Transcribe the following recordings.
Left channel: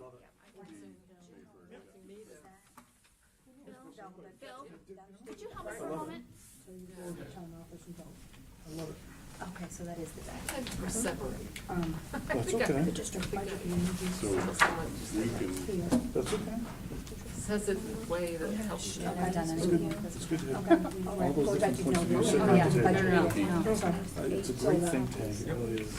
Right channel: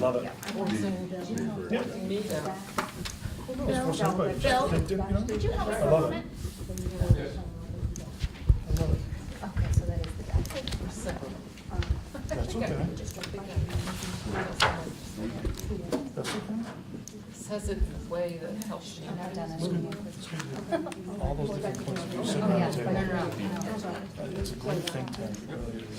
Love it. Bill, did you have a I love it. supplement? I love it. Okay, so that is the back. Separate. That's okay. That's okay. Says it in a way that helps you. It's good. It's good to all those different points of view sitting at the table. It's a great think tank. It really is.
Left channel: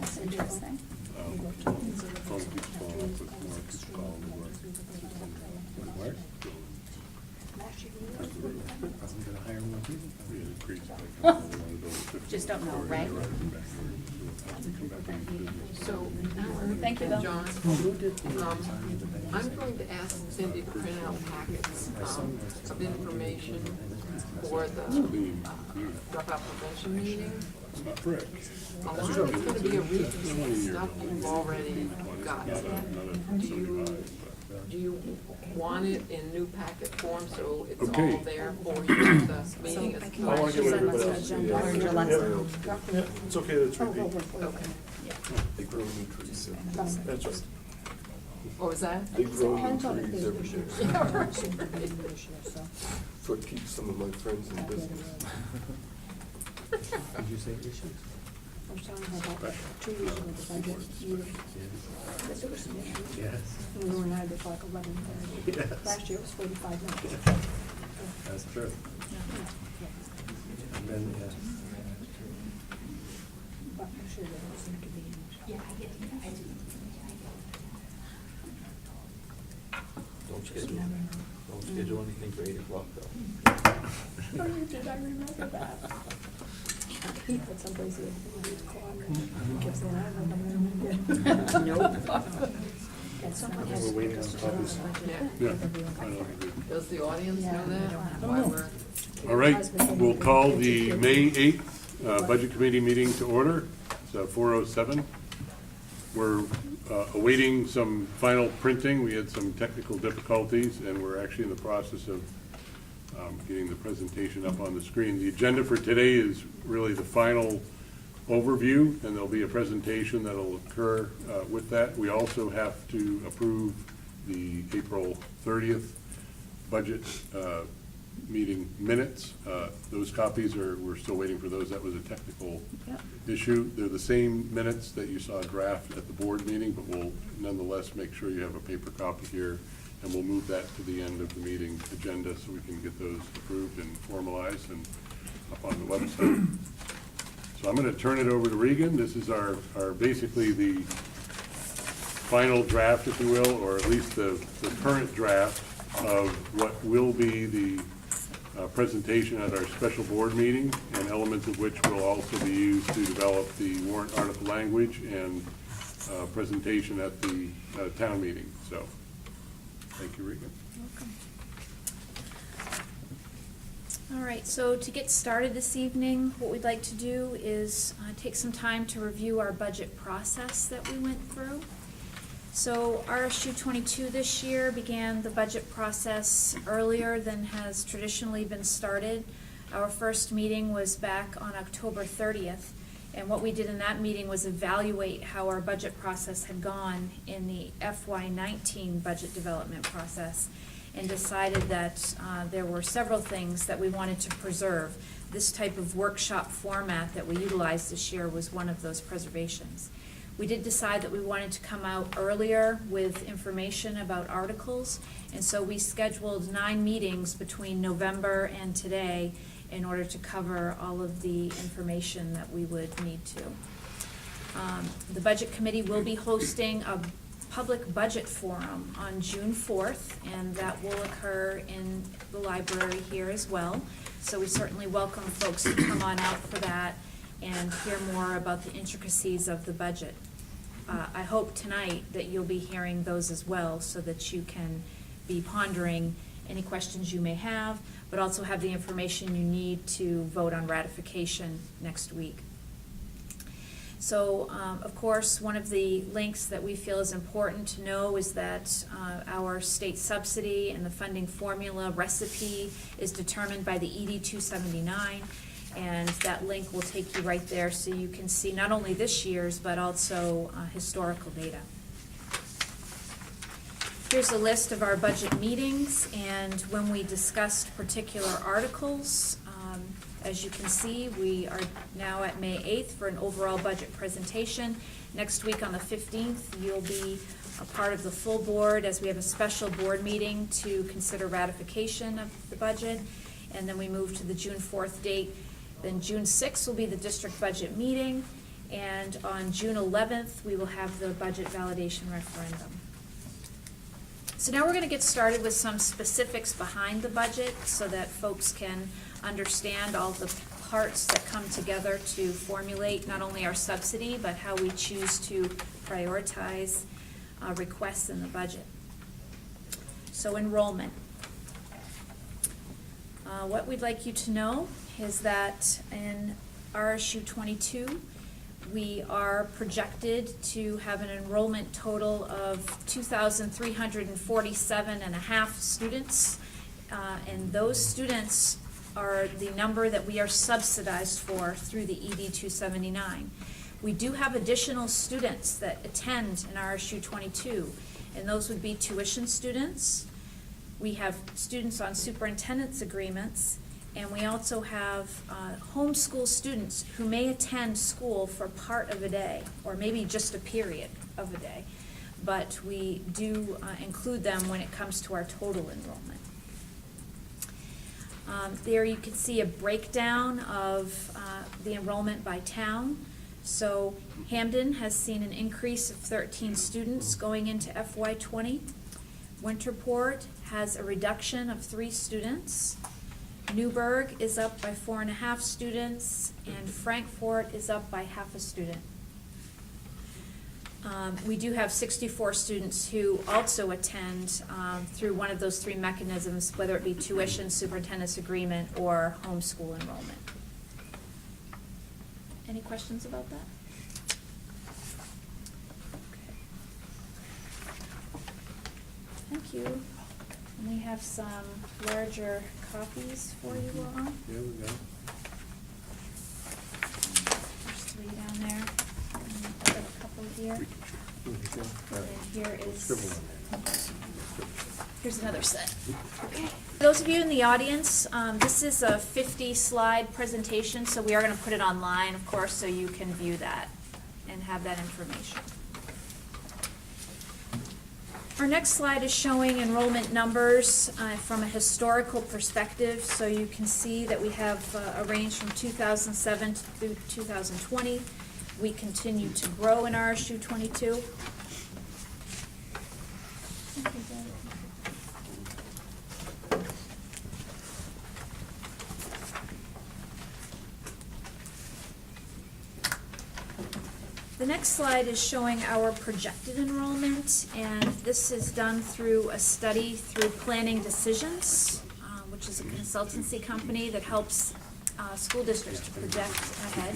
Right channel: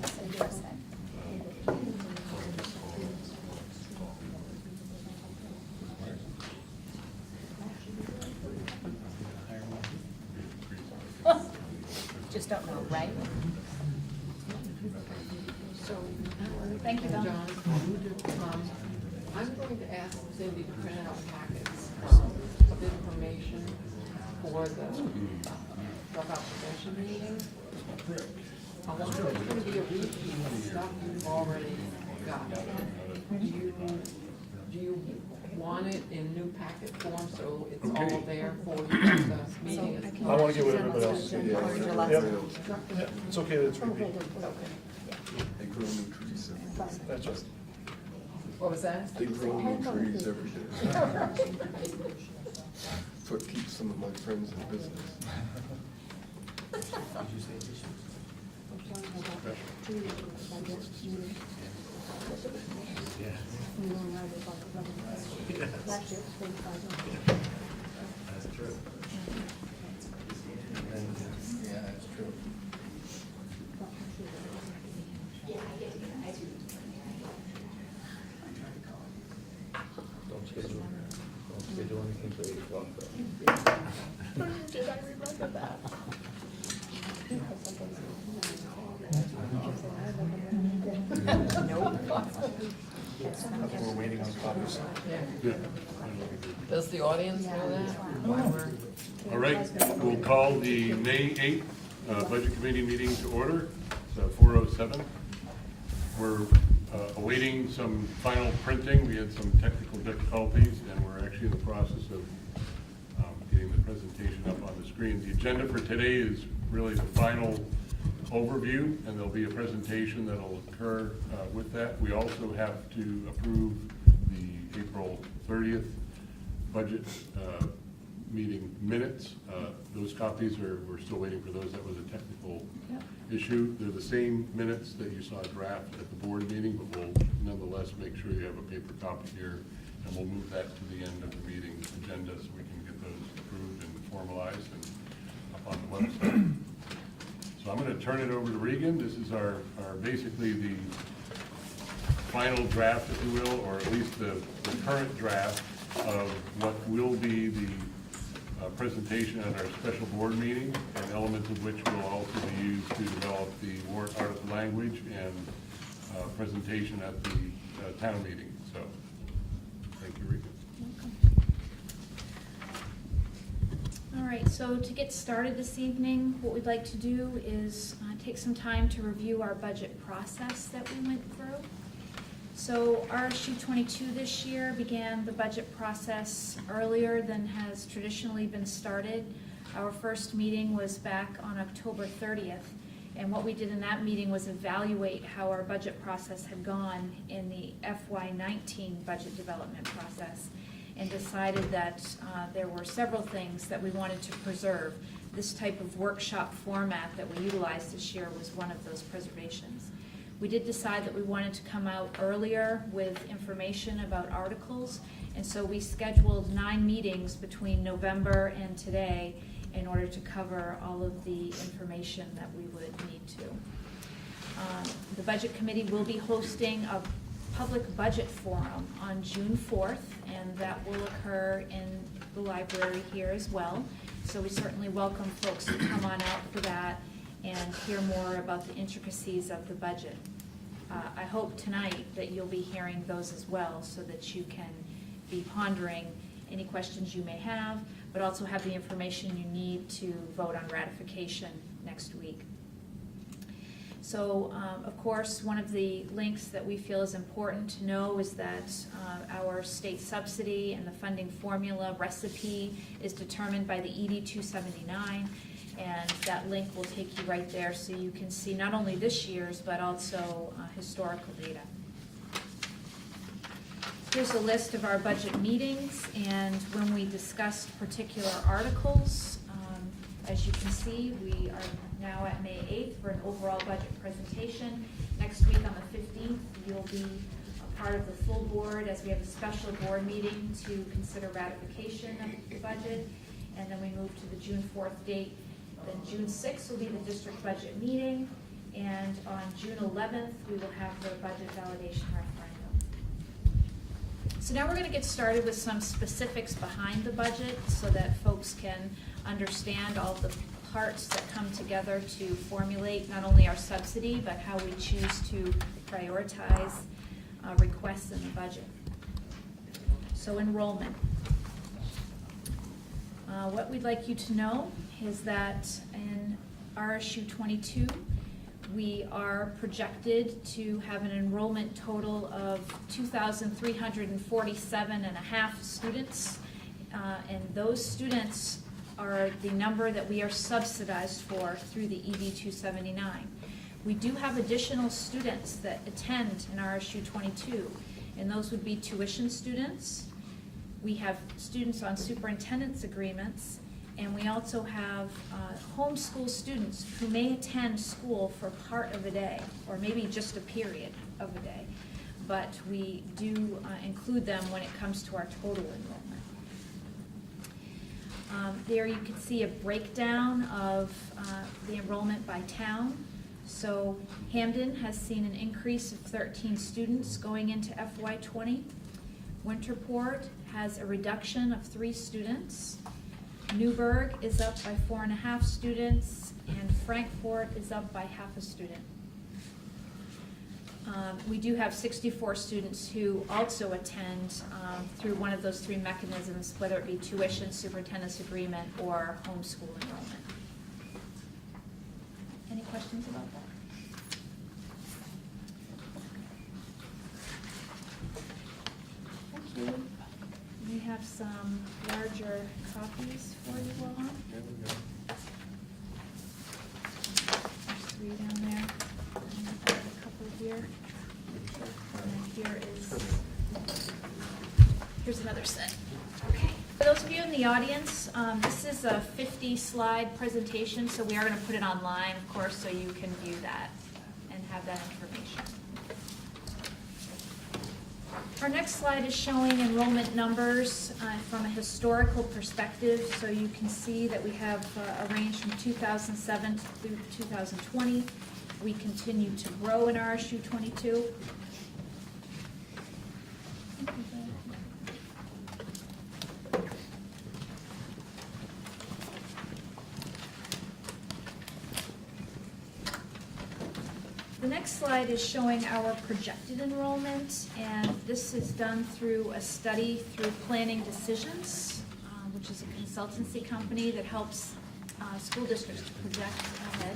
That's interesting. Just don't know, right? So, Thank you, Bill. John, I'm going to ask Cindy to print out packets of information for the dropout prevention meeting. A lot of it's going to be a repeat of stuff you've already got. Do you want it in new packet form so it's all there for you at the meeting as I well? want to get rid of everybody else. Yeah, it's okay that it's repeat. Okay. They grow new trees. That's right. What was that? They grow new trees every day. So it keeps some of my friends in business. Last year it was 45 minutes. That's true. Don't schedule anything for 8 o'clock though. Oh, you did, I remember that. But somebody's here, you just call me. We're waiting on copies. Does the audience know that? Why we're All right, we'll call the May 8th Budget Committee meeting to order. It's 4:07. We're awaiting some final printing. We had some technical difficulties, and we're actually in the process of getting the presentation up on the screen. The agenda for today is really the final overview, and there'll be a presentation that'll occur with that. We also have to approve the April 30th budget meeting minutes. Those copies we're still waiting for those. That was a technical issue. They're the same minutes that you saw draft at the board meeting, but we'll nonetheless make sure you have a paper copy here, and we'll move that to the end of the meeting agenda so we can get those approved and formalized and up on the website. So I'm going to turn it over to Regan. This is our basically the final draft, if you will, or at least the current draft of what will be the presentation at our special board meeting, and elements of which will also be used to develop the warrant article language and presentation at the town meeting. So, thank you, Regan. All right, so to get started this evening, what we'd like to do is take some time to review our budget process that we went through. So RSU 22 this year began the budget process earlier than has traditionally been started. Our first meeting was back on October 30th, and what we did in that meeting was evaluate how our budget process had gone in the FY19 budget development process, and decided that there were several things that we wanted to preserve. This type of workshop format that we utilized this year was one of those preservations. We did decide that we wanted to come out earlier with information about articles, and so we scheduled 9 meetings between November and today in order to cover all of the information that we would need to. The Budget Committee will be hosting a public budget forum on June 4th, and that will occur in the library here as well. So we certainly welcome folks to come on out for that and hear more about the intricacies of the budget. I hope tonight that you'll be hearing those as well, so that you can be pondering any questions you may have, but also have the information you need to vote on ratification next week. So, of course, one of the links that we feel is important to know is that our state subsidy and the funding formula recipe is determined by the ED 279, and that link will take you right there so you can see not only this year's but also historical data. Here's a list of our budget meetings and when we discussed particular articles. As you can see, we are now at May 8th for an overall budget presentation. Next week on the 15th, you'll be a part of the full board as we have a special board meeting to consider ratification of the budget. And then we move to the June 4th date. Then June 6th will be the district budget meeting. And on June 11th, we will have the budget validation referendum. So now we're going to get started with some specifics behind the budget so that folks can understand all the parts that come together to formulate not only our subsidy, but how we choose to prioritize requests in the budget. So enrollment. What we'd like you to know is that in RSU 22, we are projected to have an enrollment total of 2,347.5 students, and those students are the number that we are subsidized for through the ED 279. We do have additional students that attend in RSU 22, and those would be tuition students. We have students on superintendent's agreements, and we also have homeschool students who may attend school for part of a day, or maybe just a period of a day. But we do include them when it comes to our total enrollment. There you can see a breakdown of the enrollment by town. So Hampden has seen an increase of 13 students going into FY20. Winterport has a reduction of 3 students. Newburgh is up by 4.5 students, and Frankfort is up by half a student. We do have 64 students who also attend through one of those 3 mechanisms, whether it be tuition, superintendent's agreement, or homeschool enrollment. Any questions about that? Thank you. We have some larger copies for you all. There we go. There's 3 down there, and a couple here. And then here's another set. Okay. For those of you in the audience, this is a 50-slide presentation, so we are going to put it online, of course, so you can view that and have that information. Our next slide is showing enrollment numbers from a historical perspective, so you can see that we have a range from 2007 through 2020. We continue to grow in RSU 22. The next slide is showing our projected enrollment, and this is done through a study through Planning Decisions, which is a consultancy company that helps school districts to project ahead,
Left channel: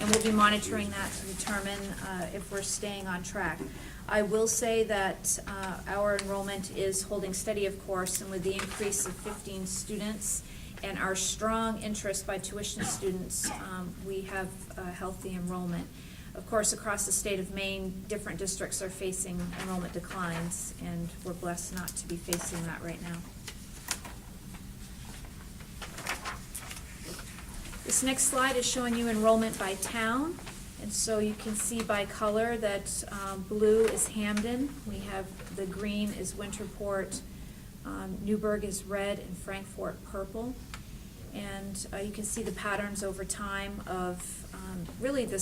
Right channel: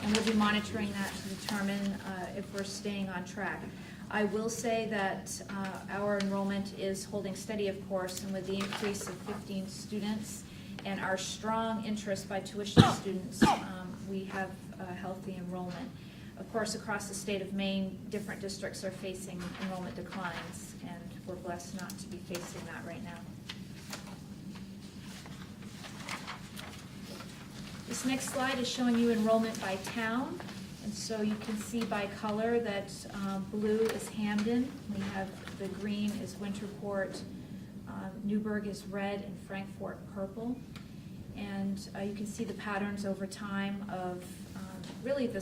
and we'll be monitoring that to determine if we're staying on track. I will say that our enrollment is holding steady, of course, and with the increase of 15 students and our strong interest by tuition students, we have a healthy enrollment. Of course, across the state of Maine, different districts are facing enrollment declines, and we're blessed not to be facing that right now. This next slide is showing you enrollment by town, and so you can see by color that blue is Hampden, we have the green is Winterport, Newburgh is red, and Frankfort purple. And you can see the patterns over time of really the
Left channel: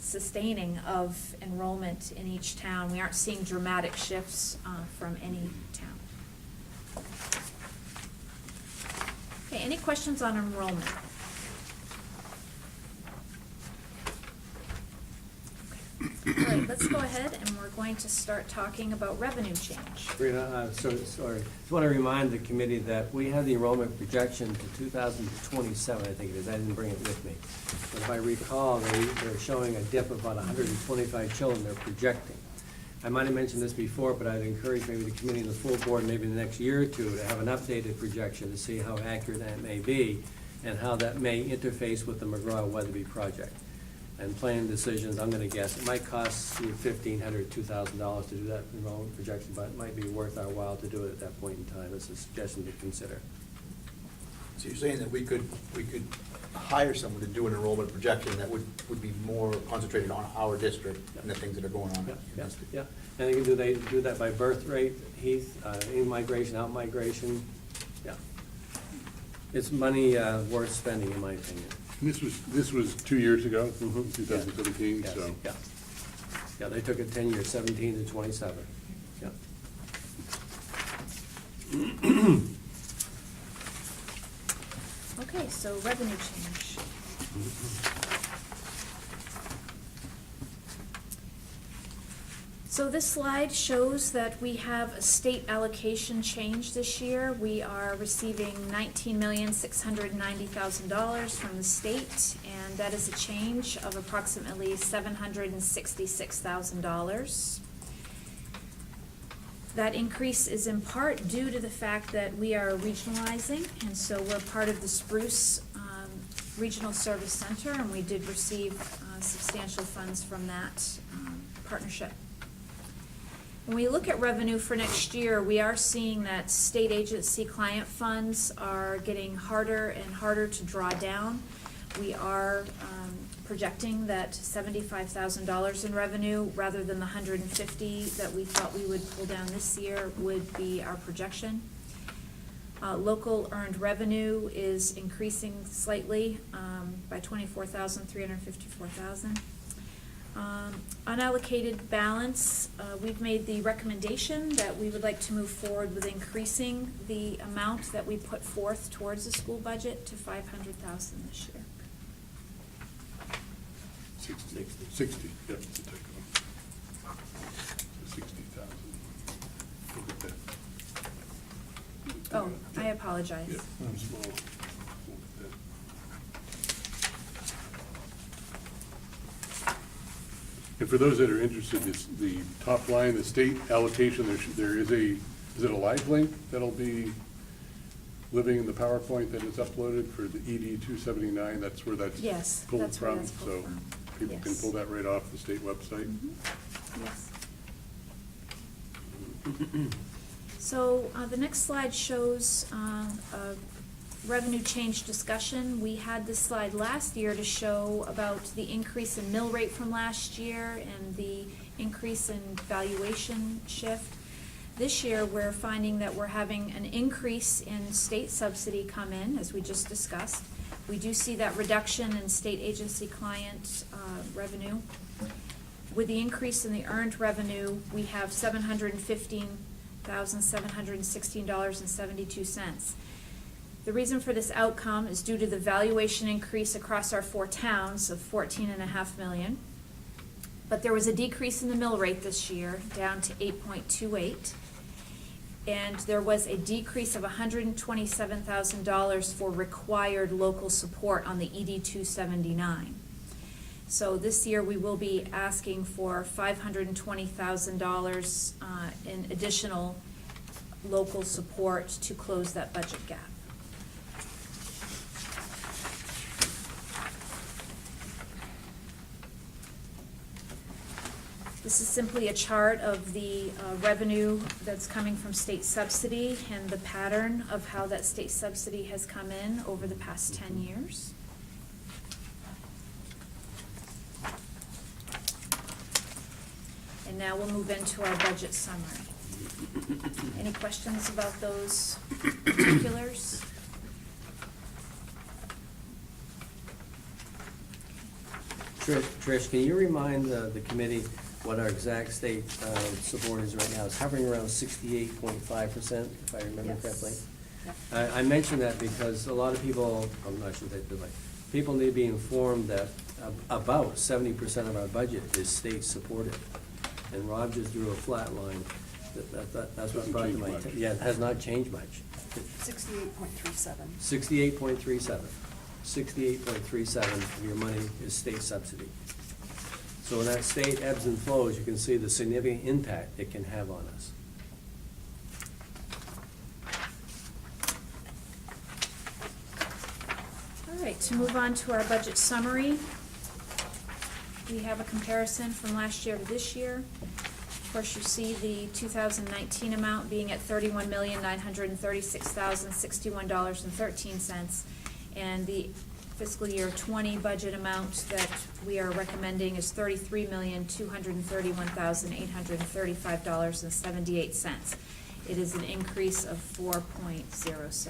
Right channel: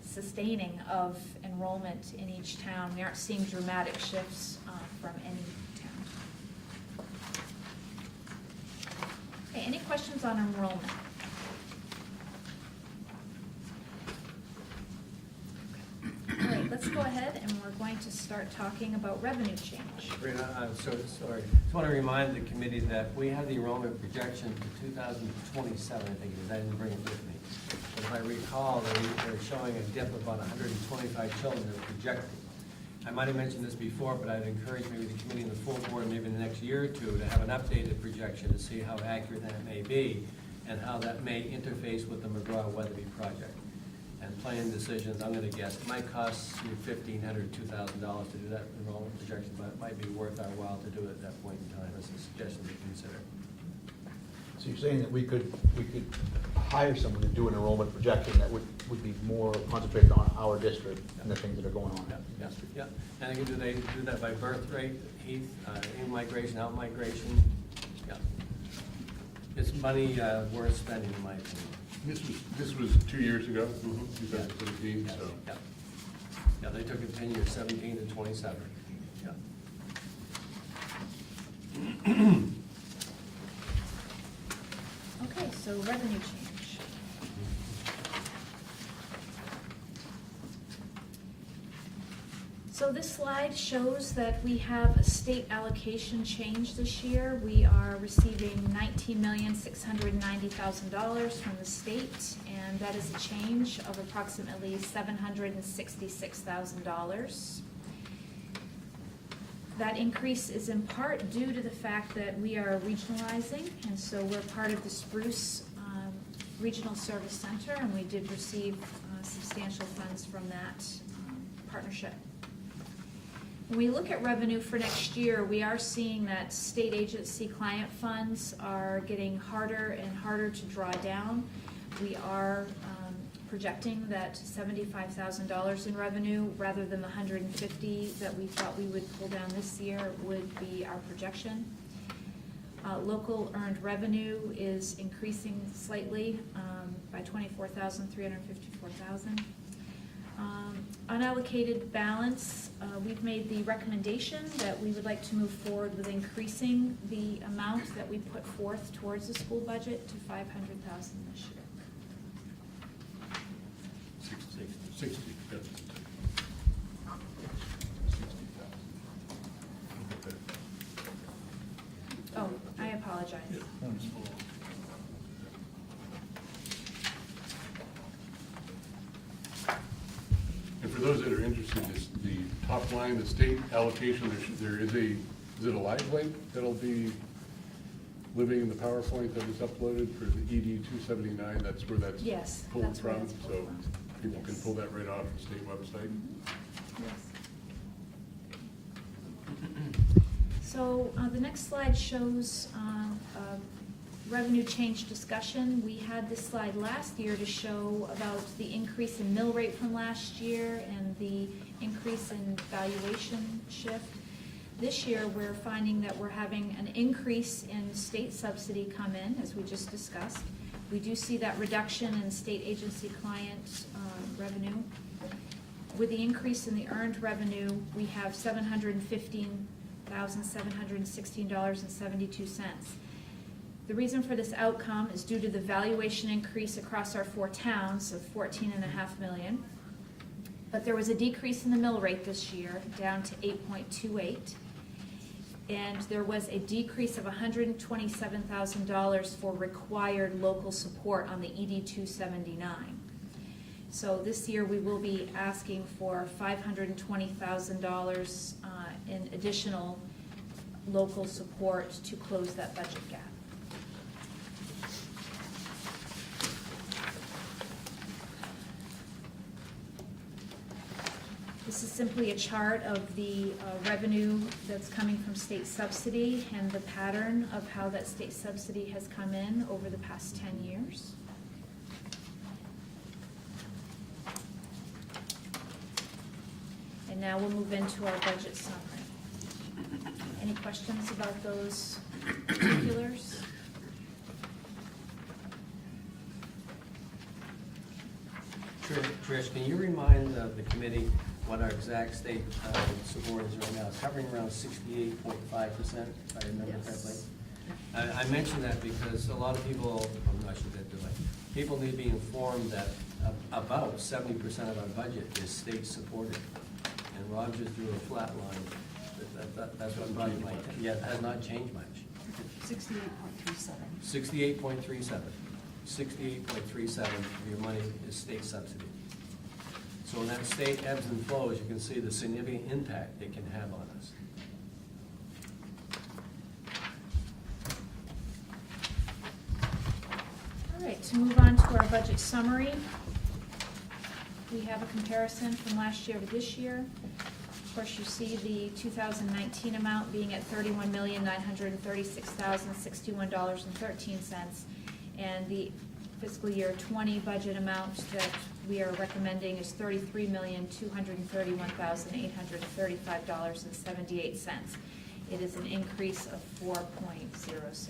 sustaining of enrollment in each town. We aren't seeing dramatic shifts from any town. Okay, any questions on enrollment? All right, let's let's go ahead and we're going to start talking about revenue change. Sorry, just want to remind the committee that we have the enrollment projection for 2027, I think it is. I didn't bring it with me. But if I recall, they're showing a dip of about 125 children they're projecting. I might have mentioned this before, but I'd encourage maybe the committee and the full board, maybe in the next year or two, to have an updated projection to see how accurate that may be and how that may interface with the McGraw-Weatherby project. And planning decisions, I'm gonna guess, it might cost you $1,500, $2,000 to do that enrollment projection, but it might be worth our while to do it at that point in time. It's a suggestion to consider. So you're saying that we could hire someone to do an enrollment projection that would be more concentrated on our district and the things that are going on? Yeah. And they do that by birth rate, Heath, in-migration, out-migration, yeah. It's money worth spending, in my opinion. This was 2 years ago, 2017, Yes, so. yeah. Yeah, they took it 10 years, 17 to 27, yeah. Okay, so revenue change. So this slide shows that we have a state allocation change this year. We are receiving $19,690,000 from the state, and that is a change of approximately $766,000. That increase is in part due to the fact that we are regionalizing, and so we're part of the Spruce Regional Service Center, and we did receive substantial funds from that partnership. When we look at revenue for next year, we are seeing that state agency client funds are getting harder and harder to draw down. We are projecting that $75,000 in revenue rather than the $150,000 that we thought we would pull down this year would be our projection. Local earned revenue is increasing slightly by $24,354,000. Unallocated balance, we've made the recommendation that we would like to move forward with increasing the amount that we put forth towards the school budget to $500,000 this year. 60, yeah. 60,000. Oh, I apologize. Yeah, I'm small. And for those that are interested, it's the top line, the state allocation, there is it a live link that'll be living in the PowerPoint that is uploaded for the ED 279, that's where that's Yes, pulled that's where from, that's pulled so from. people can Yes. pull that right off the state website. Yes. So the next slide shows a revenue change discussion. We had this slide last year to show about the increase in mill rate from last year and the increase in valuation shift. This year, we're finding that we're having an increase in state subsidy come in, as we just discussed. We do see that reduction in state agency client revenue. With the increase in the earned revenue, we have $715,716.72. The reason for this outcome is due to the valuation increase across our 4 towns of $14.5 million. But there was a decrease in the mill rate this year, down to 8.28. And there was a decrease of $127,000 for required local support on the ED 279. So this year we will be asking for $520,000 in additional local support to close that budget gap. This is simply a chart of the revenue that's coming from state subsidy and the pattern of how that state subsidy has come in over the past 10 years. And now we'll move into our budget summary. Any questions about those particulars? Trish, can you remind the committee what our exact state support is right now? It's hovering around 68.5%, if I remember Yes. correctly. I mention that because a lot of people, I shouldn't say it, but people need to be informed that about 70% of our budget is state supported. And Rob just drew a flat line. That's what brought Hasn't my, changed much. yeah, it has not changed much. 68.37. 68.37. 68.37 of your money is state subsidy. So when that state ebbs and flows, you can see the significant impact it can have on us. All right, to move on to our budget summary. We have a comparison from last year to this year. Of course, you see the 2019 amount being at $31,936,061.13, and the fiscal year 20 budget amount that we are recommending is $33,231,835.78. It is an increase of 4.06%.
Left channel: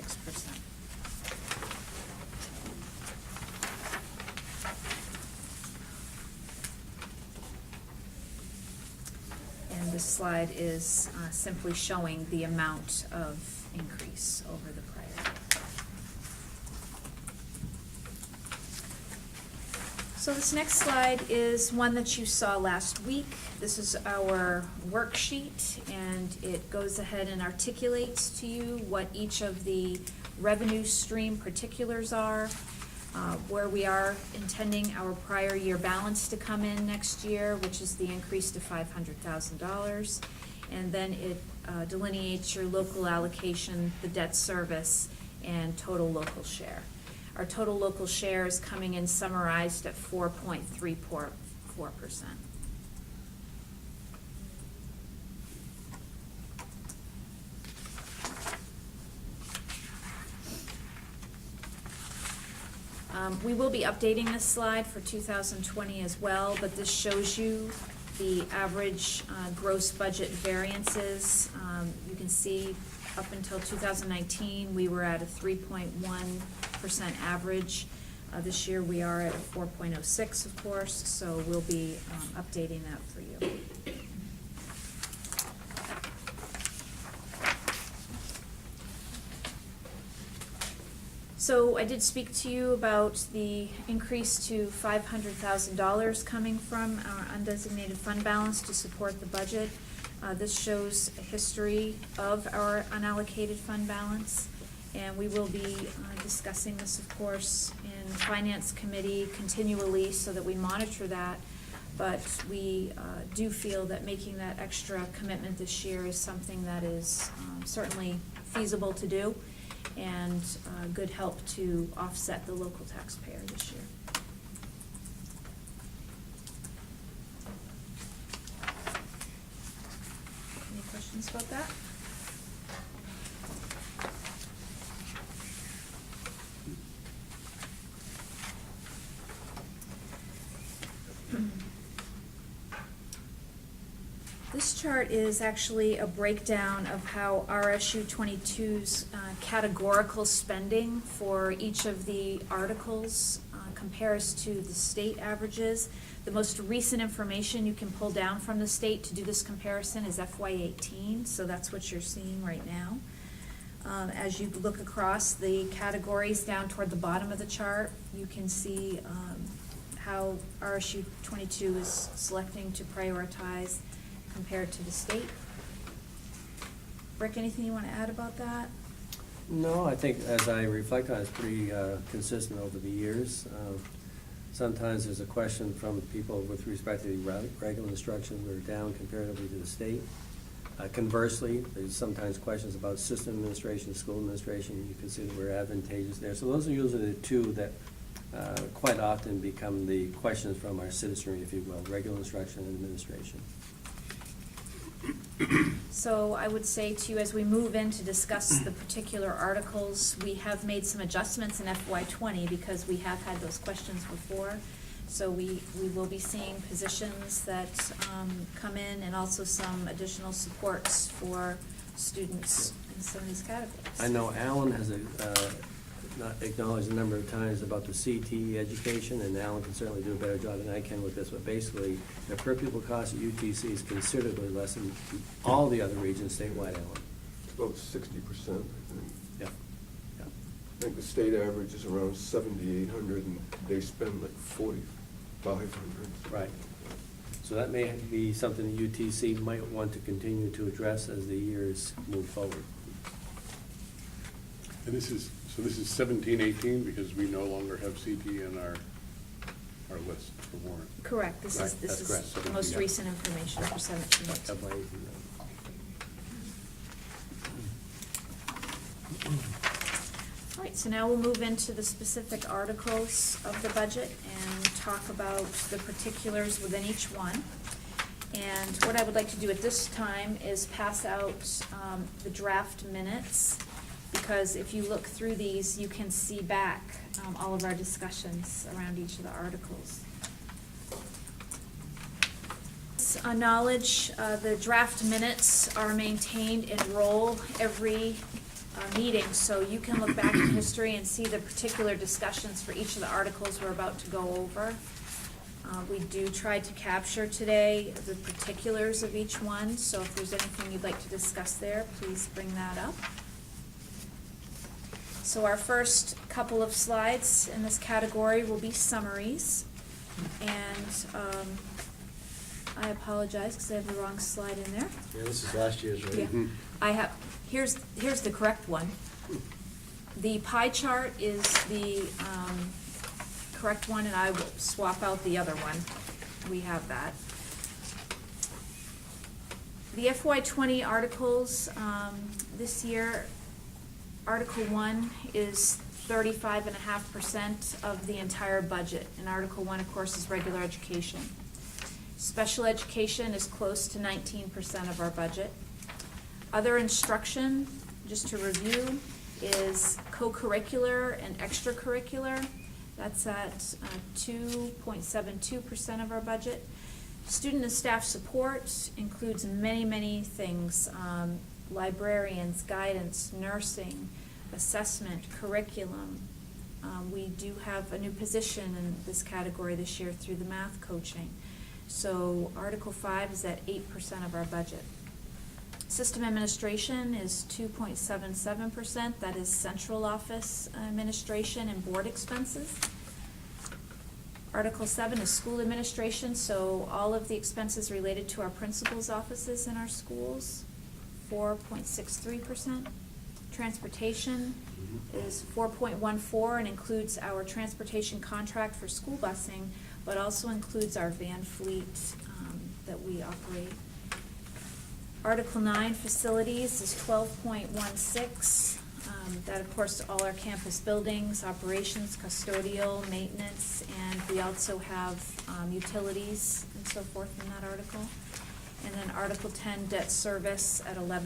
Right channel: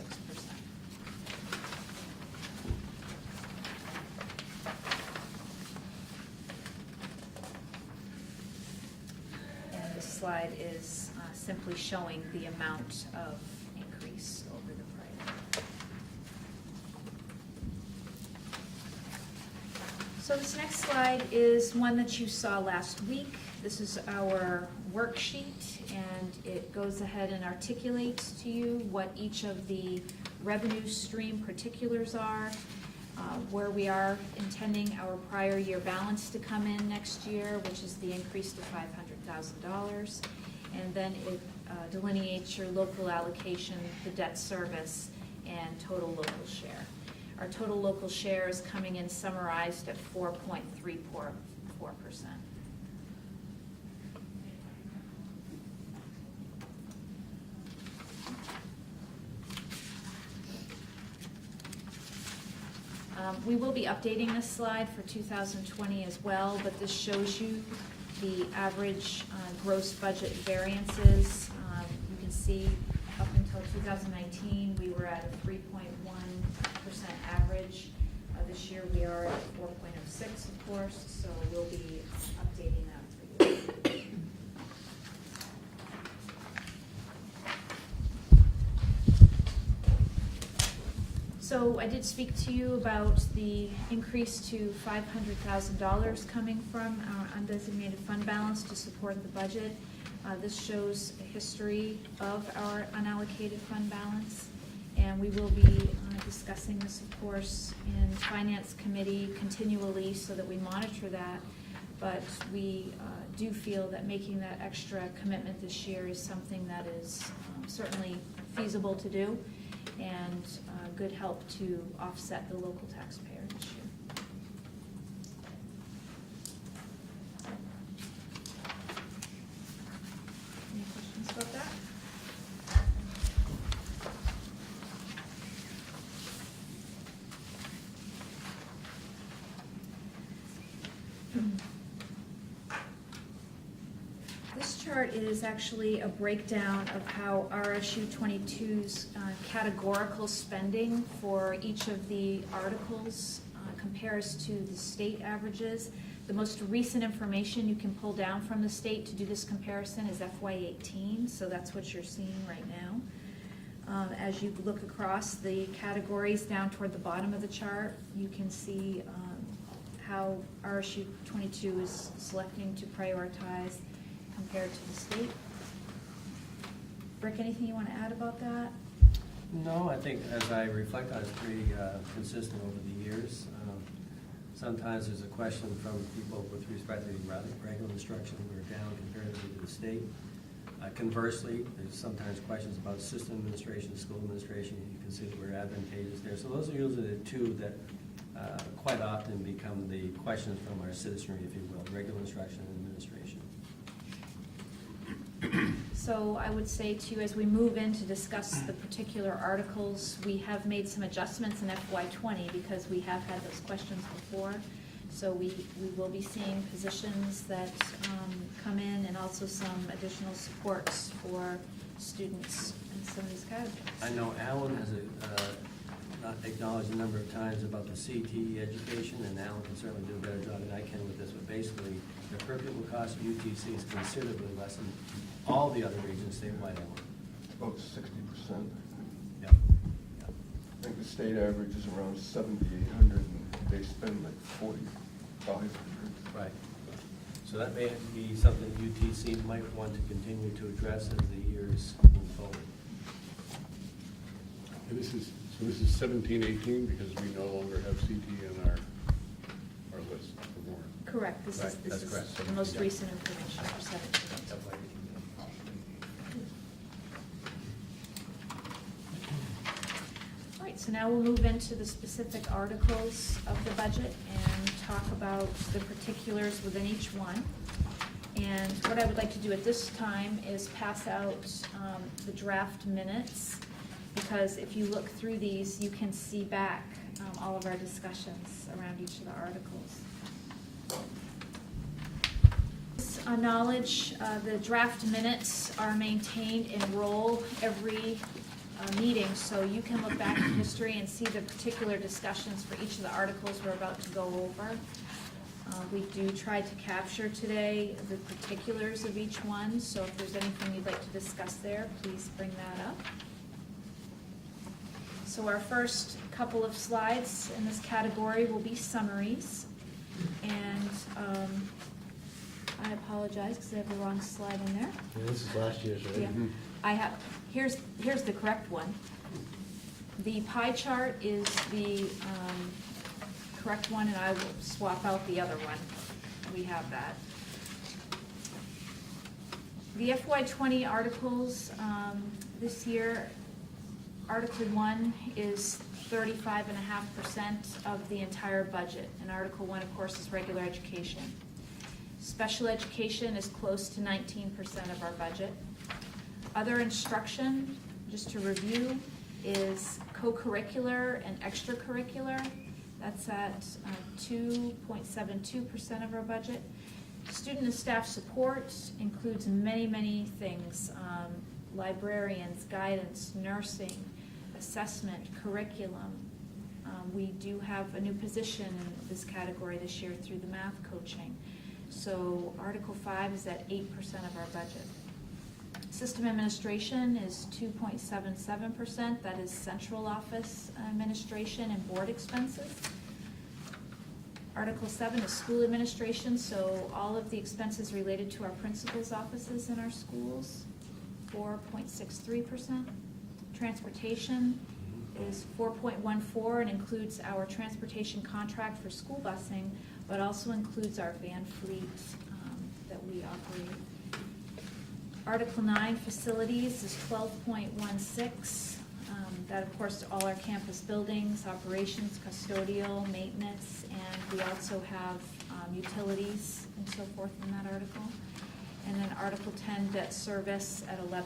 And this slide is simply showing the amount of increase over the prior year. So this next slide is one that you saw last week. This is our worksheet, and it goes ahead and articulates to you what each of the revenue stream particulars are, where we are intending our prior year balance to come in next year, which is the increase to $500,000. And then it delineates your local allocation, the debt service, and total local share. Our total local share is coming in summarized at 4.34%. We will be updating this slide for 2020 as well, but this shows you the average gross budget variances. You can see up until 2019, we were at a 3.1% average. This year we are at 4.06, of course, so we'll be updating that for you. So I did speak to you about the increase to $500,000 coming from our undesignated fund balance to support the budget. This shows a history of our unallocated fund balance, and we will be discussing this, of course, in the Finance Committee continually so that we monitor that. But we do feel that making that extra commitment this year is something that is certainly feasible to do, and good help to offset the local taxpayer this year. Any questions about that? This chart is actually a breakdown of how RSU 22's categorical spending for each of the articles compares to the state averages. The most recent information you can pull down from the state to do this comparison is FY18, so that's what you're seeing right now. As you look across the categories down toward the bottom of the chart, you can see how RSU 22 is selecting to prioritize compared to the state. Rick, anything you want to add about that? No, I think as I reflect on it, it's pretty consistent over the years. Sometimes there's a question from people with respect to the regular instruction, we're down comparatively to the state. Conversely, there's sometimes questions about system administration, school administration, you can see that we're advantageous there. So those are usually the two that quite often become the questions from our citizenry, if you will, regular instruction and administration. So I would say to you, as we move in to discuss the particular articles, we have made some adjustments in FY20 because we have had those questions before. So we will be seeing positions that come in, and also some additional supports for students in some of these categories. I know Alan has not acknowledged a number of times about the CTE education, and Alan can certainly do a better job than I can with this, but basically the per pupil cost at UTC is considerably less than all the other regions statewide, Alan. About 60%, I think. Yeah. Yeah. I think the state average is around 7,800, and they spend like 4,500. Right. So that may be something UTC might want to continue to address as the years move forward. And this is 17-18, because we no longer have CT in our list for warrant. Correct, this Right, is, this that's is correct. the most Yeah. recent information for 17. FY18. All right, so now we'll move into the specific articles of the budget and talk about the particulars within each one. And what I would like to do at this time is pass out the draft minutes, because if you look through these, you can see back all of our discussions around each of the articles. Knowledge, the draft minutes are maintained in roll every meeting, so you can look back in history and see the particular discussions for each of the articles we're about to go over. We do try to capture today the particulars of each one, so if there's anything you'd like to discuss there, please bring that up. So our first couple of slides in this category will be summaries, and I apologize because I have the wrong slide in there. Yeah, this is last year's, right? Yeah, I have, here's the correct one. The pie chart is the correct one, and I will swap out the other one. We have that. The FY20 articles, this year, Article 1 is 35.5% of the entire budget, and Article 1, of course, is regular education. Special education is close to 19% of our budget. Other instruction, just to review, is co-curricular and extracurricular. That's at 2.72% of our budget. Student and staff support includes many, many things. Librarians, guidance, nursing, assessment, curriculum. We do have a new position in this category this year through the math coaching. So Article 5 is at 8% of our budget. System administration is 2.77%. That is central office administration and board expenses. Article 7 is school administration, so all of the expenses related to our principals' offices in our schools, 4.63%. Transportation is 4.14% and includes our transportation contract for school busing, but also includes our van fleet that we operate. Article 9, facilities, is 12.16%. That, of course, all our campus buildings, operations, custodial, maintenance, and we also have utilities and so forth in that article. And then Article 10, debt service at 11.19%.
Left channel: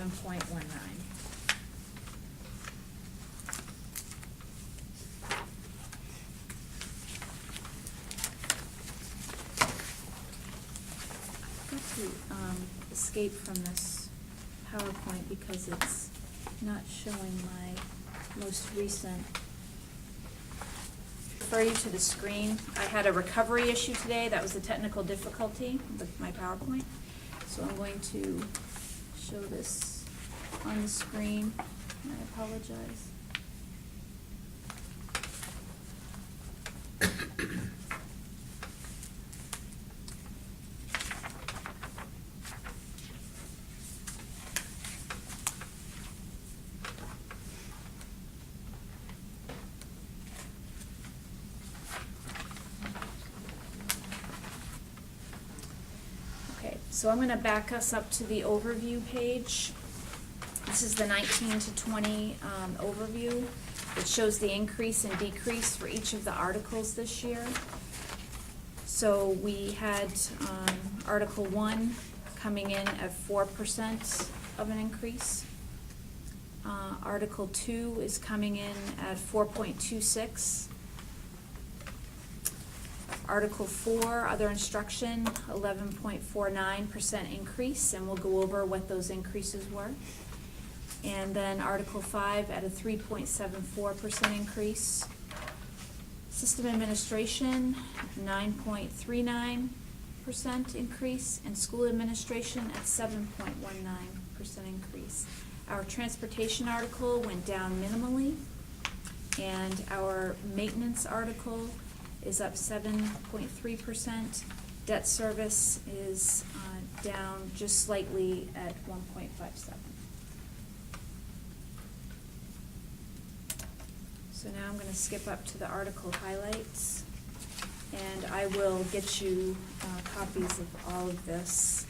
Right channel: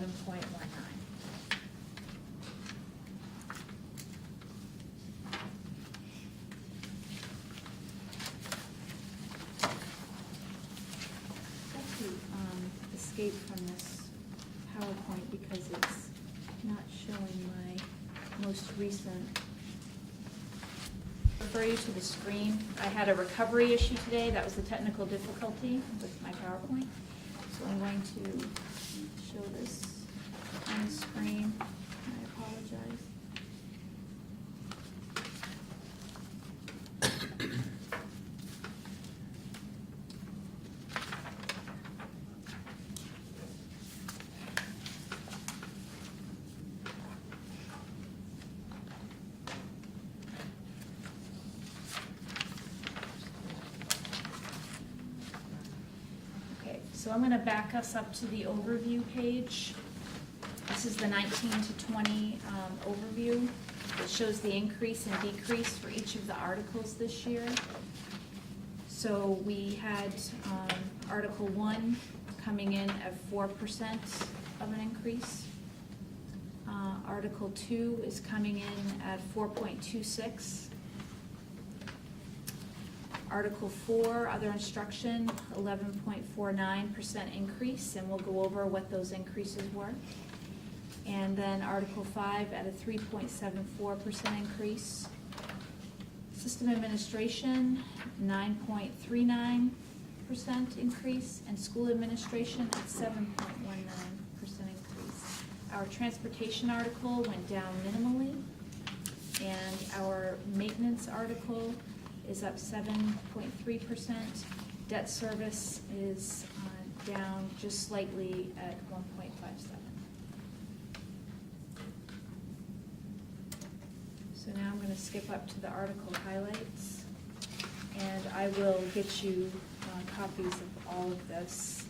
Escape from this PowerPoint because it's not showing my most recent. Refer you to the screen. I had a recovery issue today. That was the technical difficulty with my PowerPoint. So I'm going to show this on the screen. I apologize. So I'm going to back us up to the overview page. This is the 19 to 20 overview. It shows the increase and decrease for each of the articles this year. So we had Article 1 coming in at 4% of an increase. Article 2 is coming in at 4.26%. Article 4, other instruction, 11.49% increase, and we'll go over what those increases were. And then Article 5 at a 3.74% increase. System administration, 9.39% increase, and school administration at 7.19% increase. Our transportation article went down minimally, and our maintenance article is up 7.3%, Debt service is down just slightly at 1.57. So now I'm going to skip up to the article highlights, and I will get you copies of all of this.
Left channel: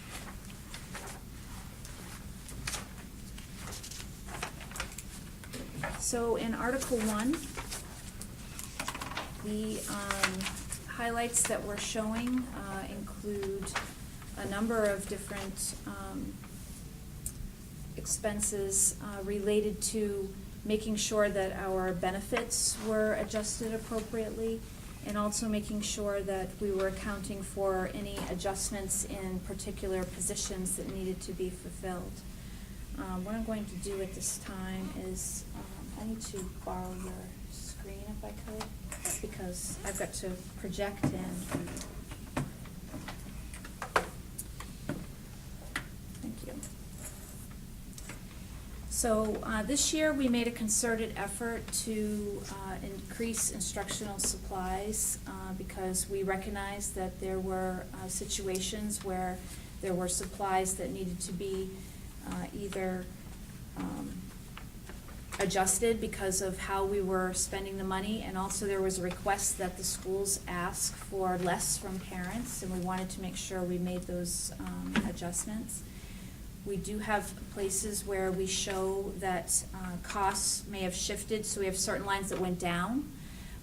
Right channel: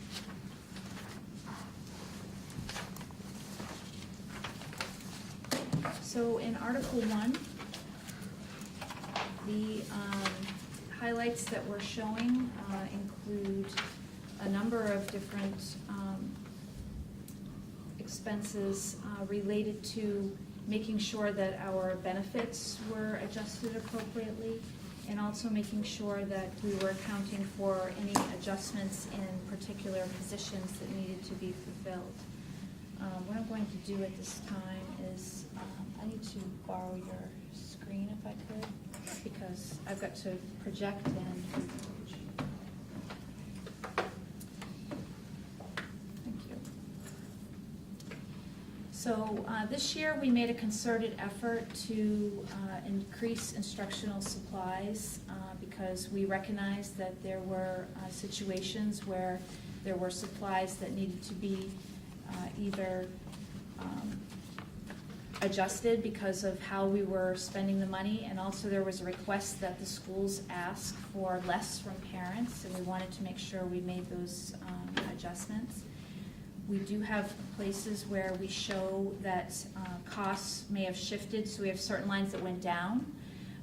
So in Article 1, the highlights that we're showing include a number of different expenses related to making sure that our benefits were adjusted appropriately, and also making sure that we were accounting for any adjustments in particular positions that needed to be fulfilled. What I'm going to do at this time is I need to borrow your screen if I could, because I've got to project in. Thank you. So this year we made a concerted effort to increase instructional supplies because we recognized that there were situations where there were supplies that needed to be either adjusted because of how we were spending the money, and also there was a request that the schools ask for less from parents, and we wanted to make sure we made those adjustments. We do have places where we show that costs may have shifted, so we have certain lines that went down,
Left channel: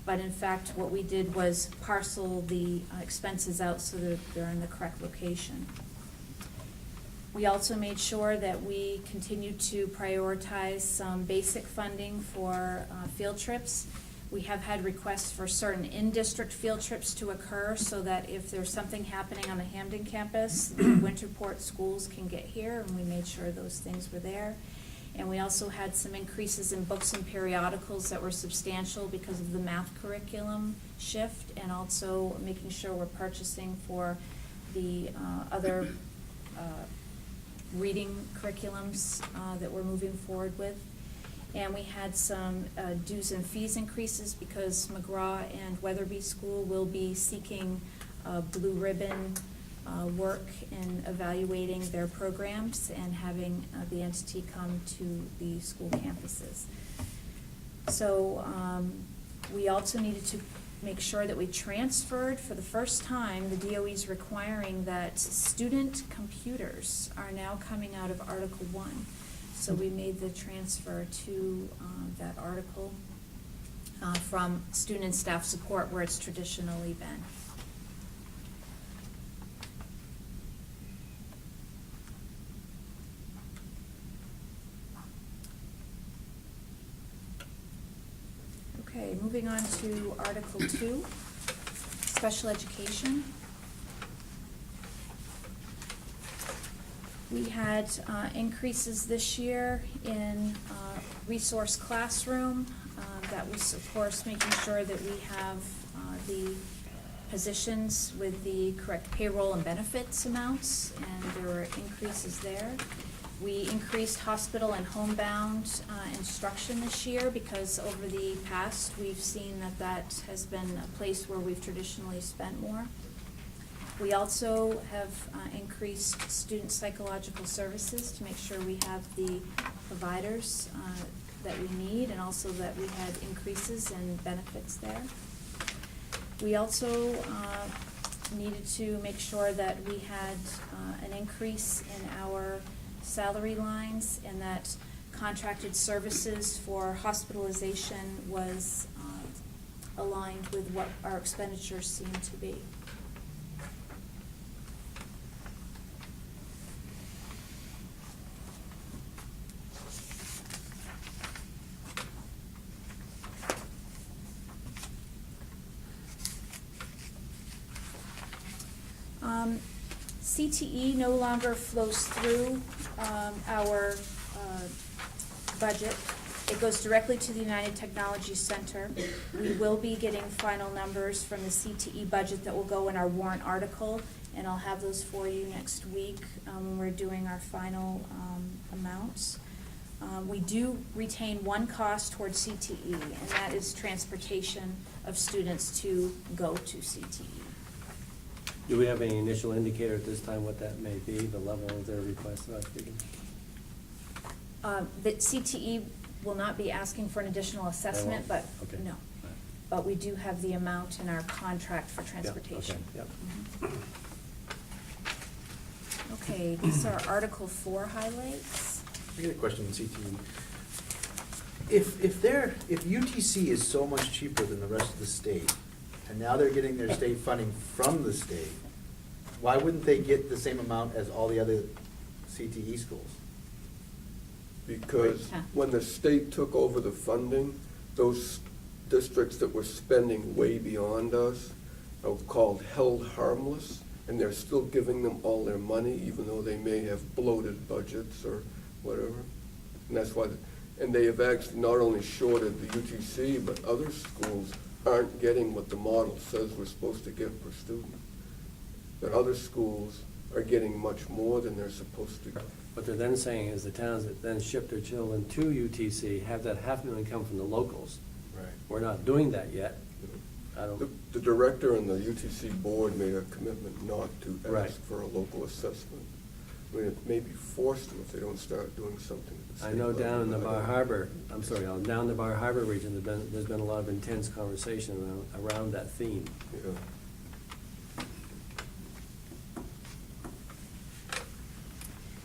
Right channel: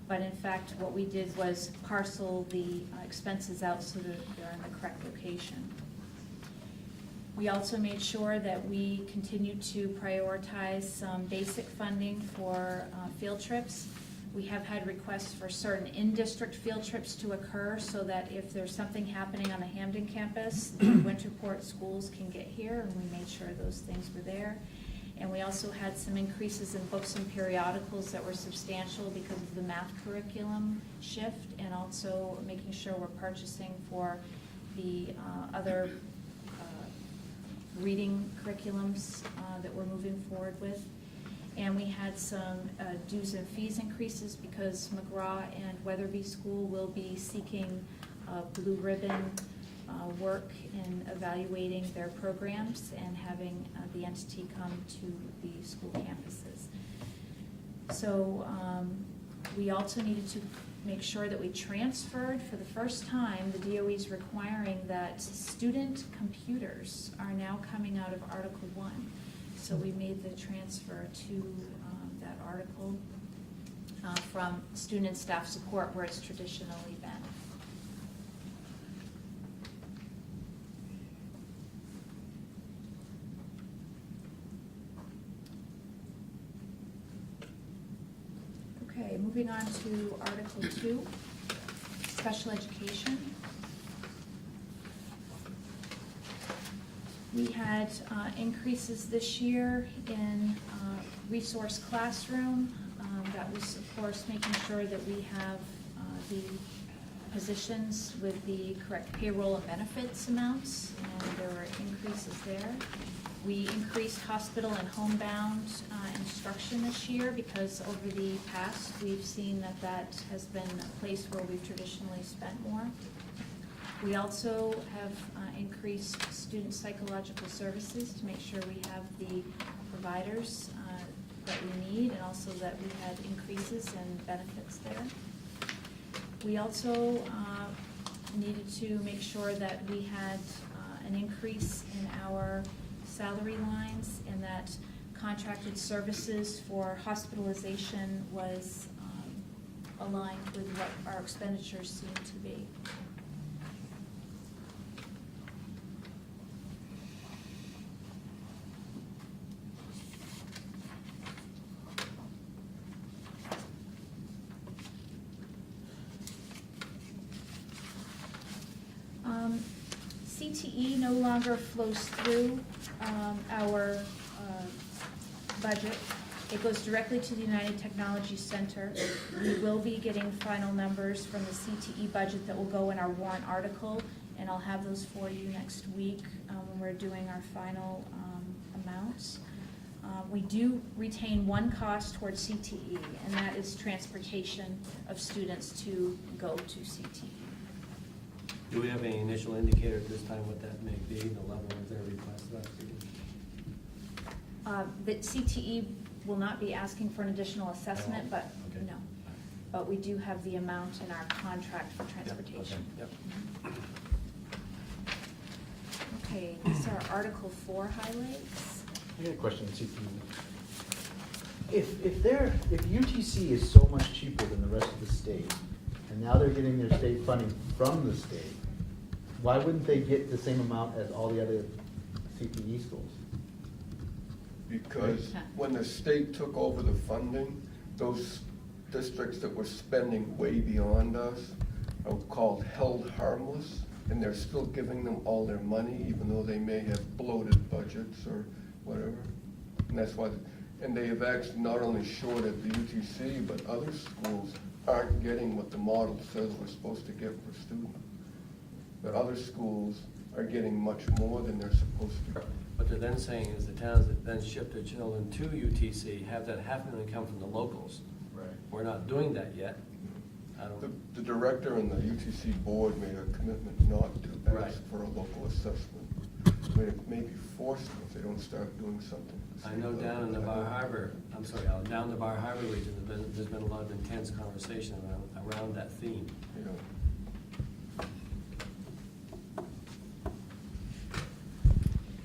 but in fact what we did was parcel the expenses out so that they're in the correct location. We also made sure that we continued to prioritize some basic funding for field trips. We have had requests for certain in-district field trips to occur so that if there's something happening on the Hampden campus, the Winterport schools can get here, and we made sure those things were there. And we also had some increases in books and periodicals that were substantial because of the math curriculum shift, and also making sure we're purchasing for the other reading curriculums that we're moving forward with. And we had some dues and fees increases because McGraw and Weatherby School will be seeking blue ribbon work in evaluating their programs and having the entity come to the school campuses. So we also needed to make sure that we transferred, for the first time, the DOE is requiring that student computers are now coming out of Article 1. So we made the transfer to that article from student and staff support, where it's traditionally been. Okay, moving on to Article 2, Special Education. We had increases this year in resource classroom. That was, of course, making sure that we have the positions with the correct payroll and benefits amounts, and there were increases there. We increased hospital and homebound instruction this year because over the past we've seen that that has been a place where we've traditionally spent more. We also have increased student psychological services to make sure we have the providers that we need, and also that we had increases in benefits there. We also needed to make sure that we had an increase in our salary lines, and that contracted services for hospitalization was aligned with what our expenditures seem to be. CTE no longer flows through our budget. It goes directly to the United Technology Center. We will be getting final numbers from the CTE budget that will go in our warrant article, and I'll have those for you next week when we're doing our final amounts. We do retain one cost towards CTE, and that is transportation of students to go to CTE. Do we have any initial indicator at this time what that may be, the level of their request? That CTE will not be asking for an additional assessment, but, Okay. no. But we do have the amount in our contract for transportation. Yep. Okay, these are Article 4 highlights. I got a question on CTE. If UTC is so much cheaper than the rest of the state, and now they're getting their state funding from the state, why wouldn't they get the same amount as all the other CTE schools? Because when the state took over the funding, those districts that were spending way beyond us are called held harmless, and they're still giving them all their money, even though they may have bloated budgets or whatever. And that's why, and they have actually not only shorted the UTC, but other schools aren't getting what the model says we're supposed to get per student. The other schools are getting much more than they're supposed to. What they're then saying is the towns that then ship their children to UTC have that $500,000 come from the locals. Right. We're not doing that yet. I don't, The director and the UTC board made a commitment not to Right. ask for a local assessment. I mean, it may be forced if they don't start doing something. I know down in the Bar Harbor, down in the Bar Harbor region, there's been a lot of intense conversation around that theme. Yeah.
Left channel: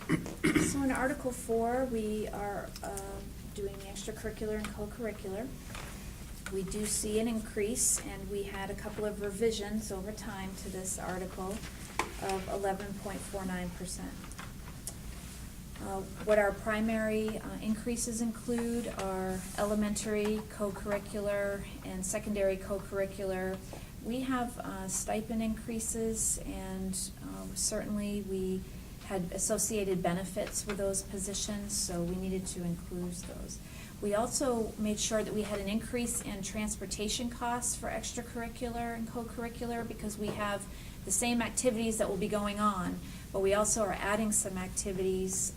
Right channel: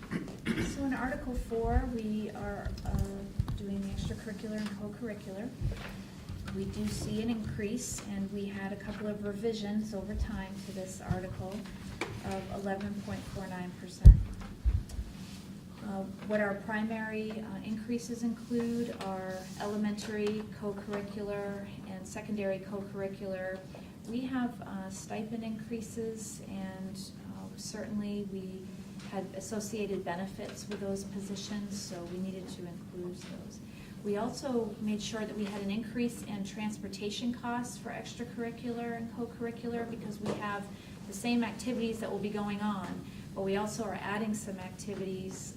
So in Article 4, we are doing extracurricular and co-curricular. We do see an increase, and we had a couple of revisions over time to this article of 11.49%. What our primary increases include are elementary co-curricular and secondary co-curricular. We have stipend increases, and certainly we had associated benefits with those positions, so we needed to include those. We also made sure that we had an increase in transportation costs for extracurricular and co-curricular, because we have the same activities that will be going on, but we also are adding some activities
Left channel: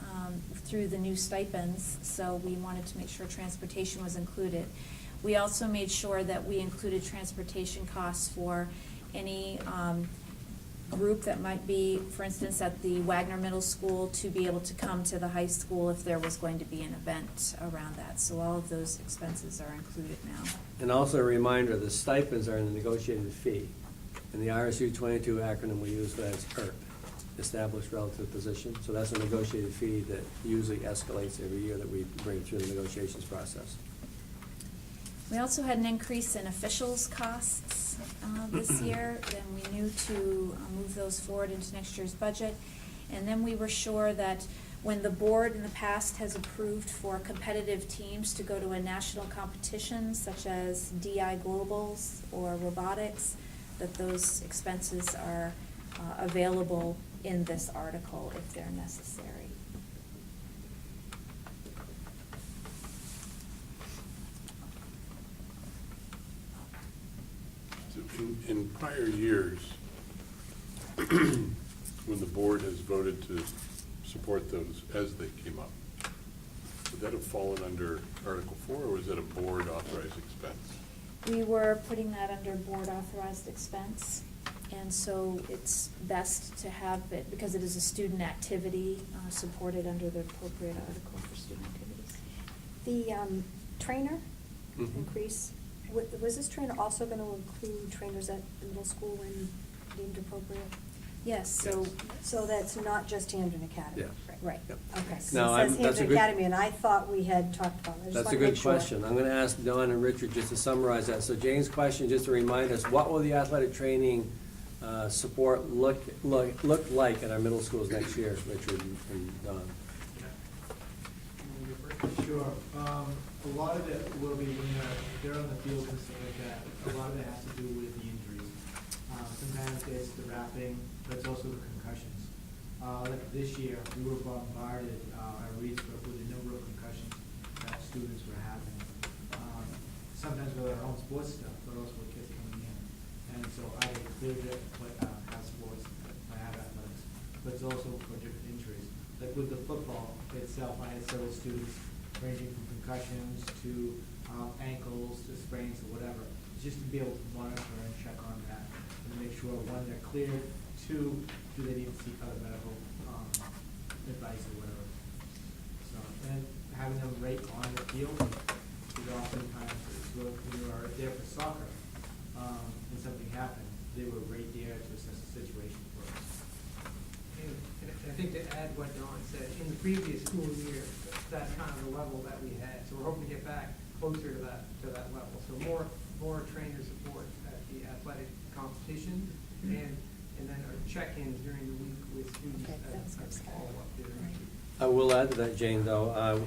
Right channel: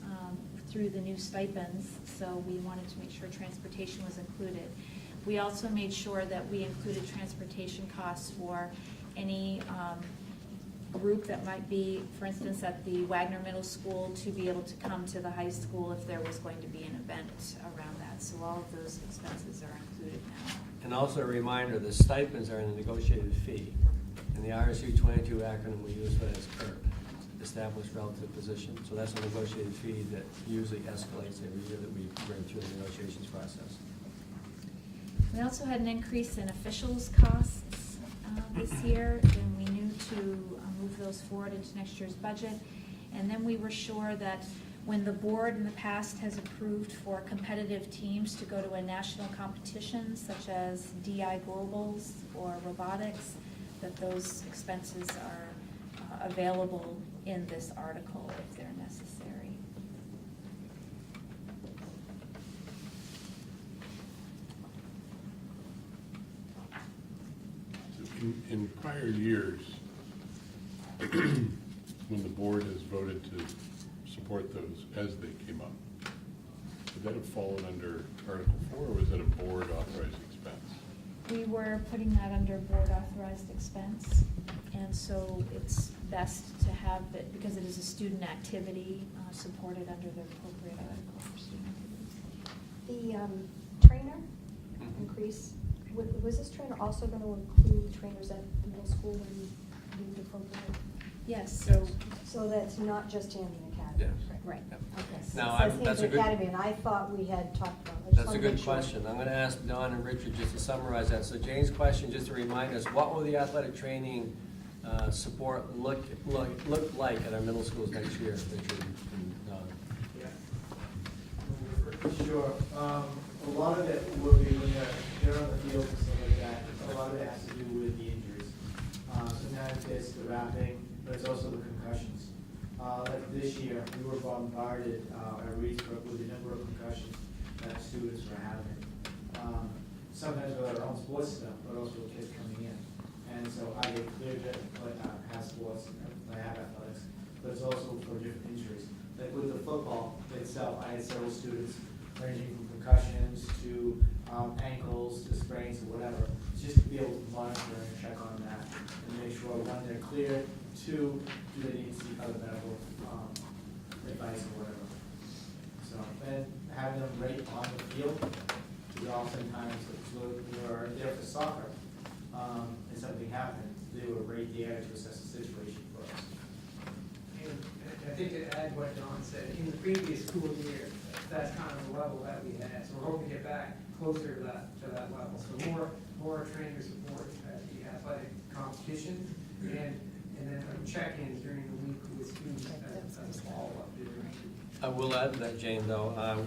through the new stipends, so we wanted to make sure transportation was included. We also made sure that we included transportation costs for any group that might be, for instance, at the Wagner Middle School, to be able to come to the high school if there was going to be an event around that. So all of those expenses are included now. And also a reminder, the stipends are in the negotiated fee. And the RSU 22 acronym we use for that is ERP, Established Relative Position. So that's a negotiated fee that usually escalates every year that we bring through the negotiations process. We also had an increase in officials' costs this year, and we knew to move those forward into next year's budget. And then we were sure that when the board in the past has approved for competitive teams to go to a national competition, such as DI Globals or robotics, that those expenses are available in this article if they're necessary. In prior years, when the board has voted to support those as they came up, would that have fallen under Article 4, or was it a board authorized expense? We were putting that under board authorized expense, and so it's best to have it, because it is a student activity, supported under the appropriate article for student activities. The trainer Mhm. increase, was this trainer also going to include the trainers at the middle school when deemed appropriate? Yes, so, So that's not just Hampden Academy? Yeah. right. Yep. Okay, so Now, it I'm- says that's a Hampden good- Academy, and I thought we had talked about it. I just That's a wanted to good make sure. question. I'm gonna ask Don and Richard just to summarize that. So Jane's question, just to remind us, what will the athletic training support look like in our middle schools next year, Richard and Don? Sure. A lot of it will be when they're on the field and stuff like that. A lot of it has to do with the injuries. Sometimes it's the wrapping, but it's also the concussions. Like this year, we were bombarded at Reedsbrook with the number of concussions that students were having. Sometimes with our own sports stuff, but also with kids coming in. And so I get cleared to have sports, I have athletics, but it's also for different injuries. Like with the football itself, I had several students ranging from concussions to ankles to sprains or whatever, just to be able to monitor and check on that and make sure when they're cleared, oftentimes, if we are there for soccer, and something happened, they were right there to assess the situation for us. And I think to add what Don said, in the previous school year, that's kind of the level that we had. So we're hoping to get back closer to that level. So more trainer support at the athletic competition, and then our check-ins during the week with students as a follow-up during. I will add to that, Jane, though.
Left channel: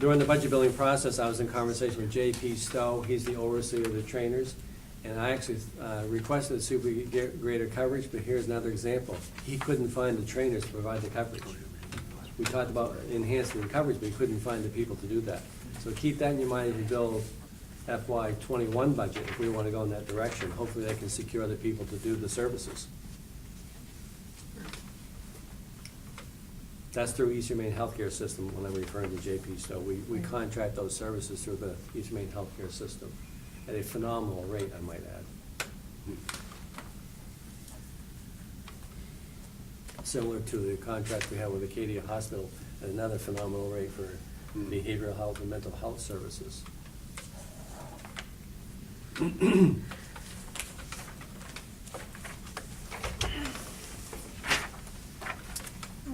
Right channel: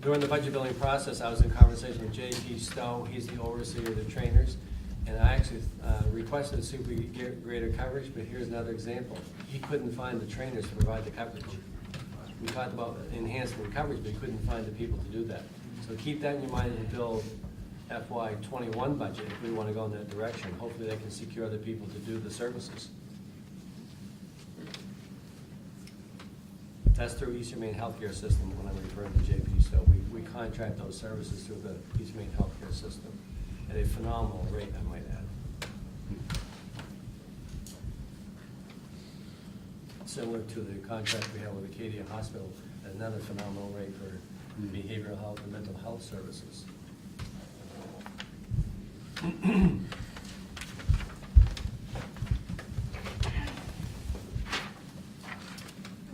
During the budget building process, I was in conversation with J.P. Stowe. He's the overseer of the trainers. And I actually requested to see if we could get greater coverage, but here's another example. He couldn't find the trainers to provide the coverage. We talked about enhancing the coverage, but he couldn't find the people to do that. So keep that in your mind and build FY '21 budget if we want to go in that direction. Hopefully they can secure the people to do the services. That's through East Maine Healthcare System when I'm referring to JP. So we contract those services through the East Maine Healthcare System at a phenomenal rate, I might add. Similar to the contract we have with Acadia Hospital at another phenomenal rate for behavioral health and mental health services. All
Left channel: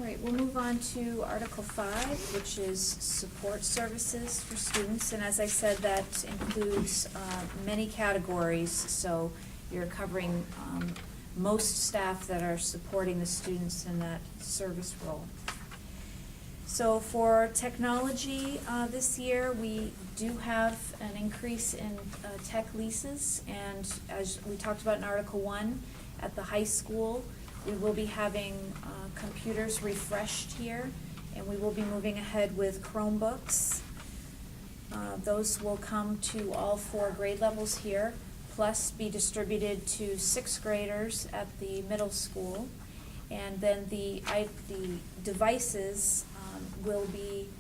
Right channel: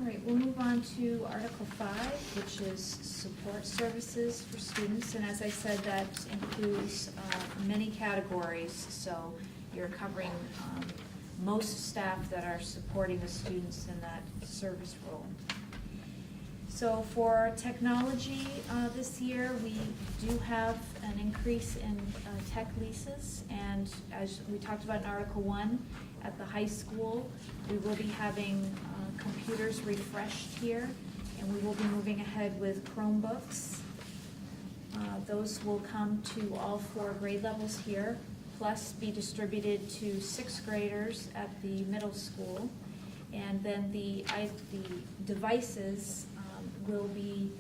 right, we'll move on to Article 5, which is support services for students. And as I said, that includes many categories. So you're covering most staff that are supporting the students in that service role. So for technology this year, we do have an increase in tech leases. And as we talked about in Article 1, at the high school, we will be having computers refreshed here, and we will be moving ahead with Chromebooks. Those will come to all 4 grade levels here, plus be distributed to 6th graders at the middle school. And then the devices will be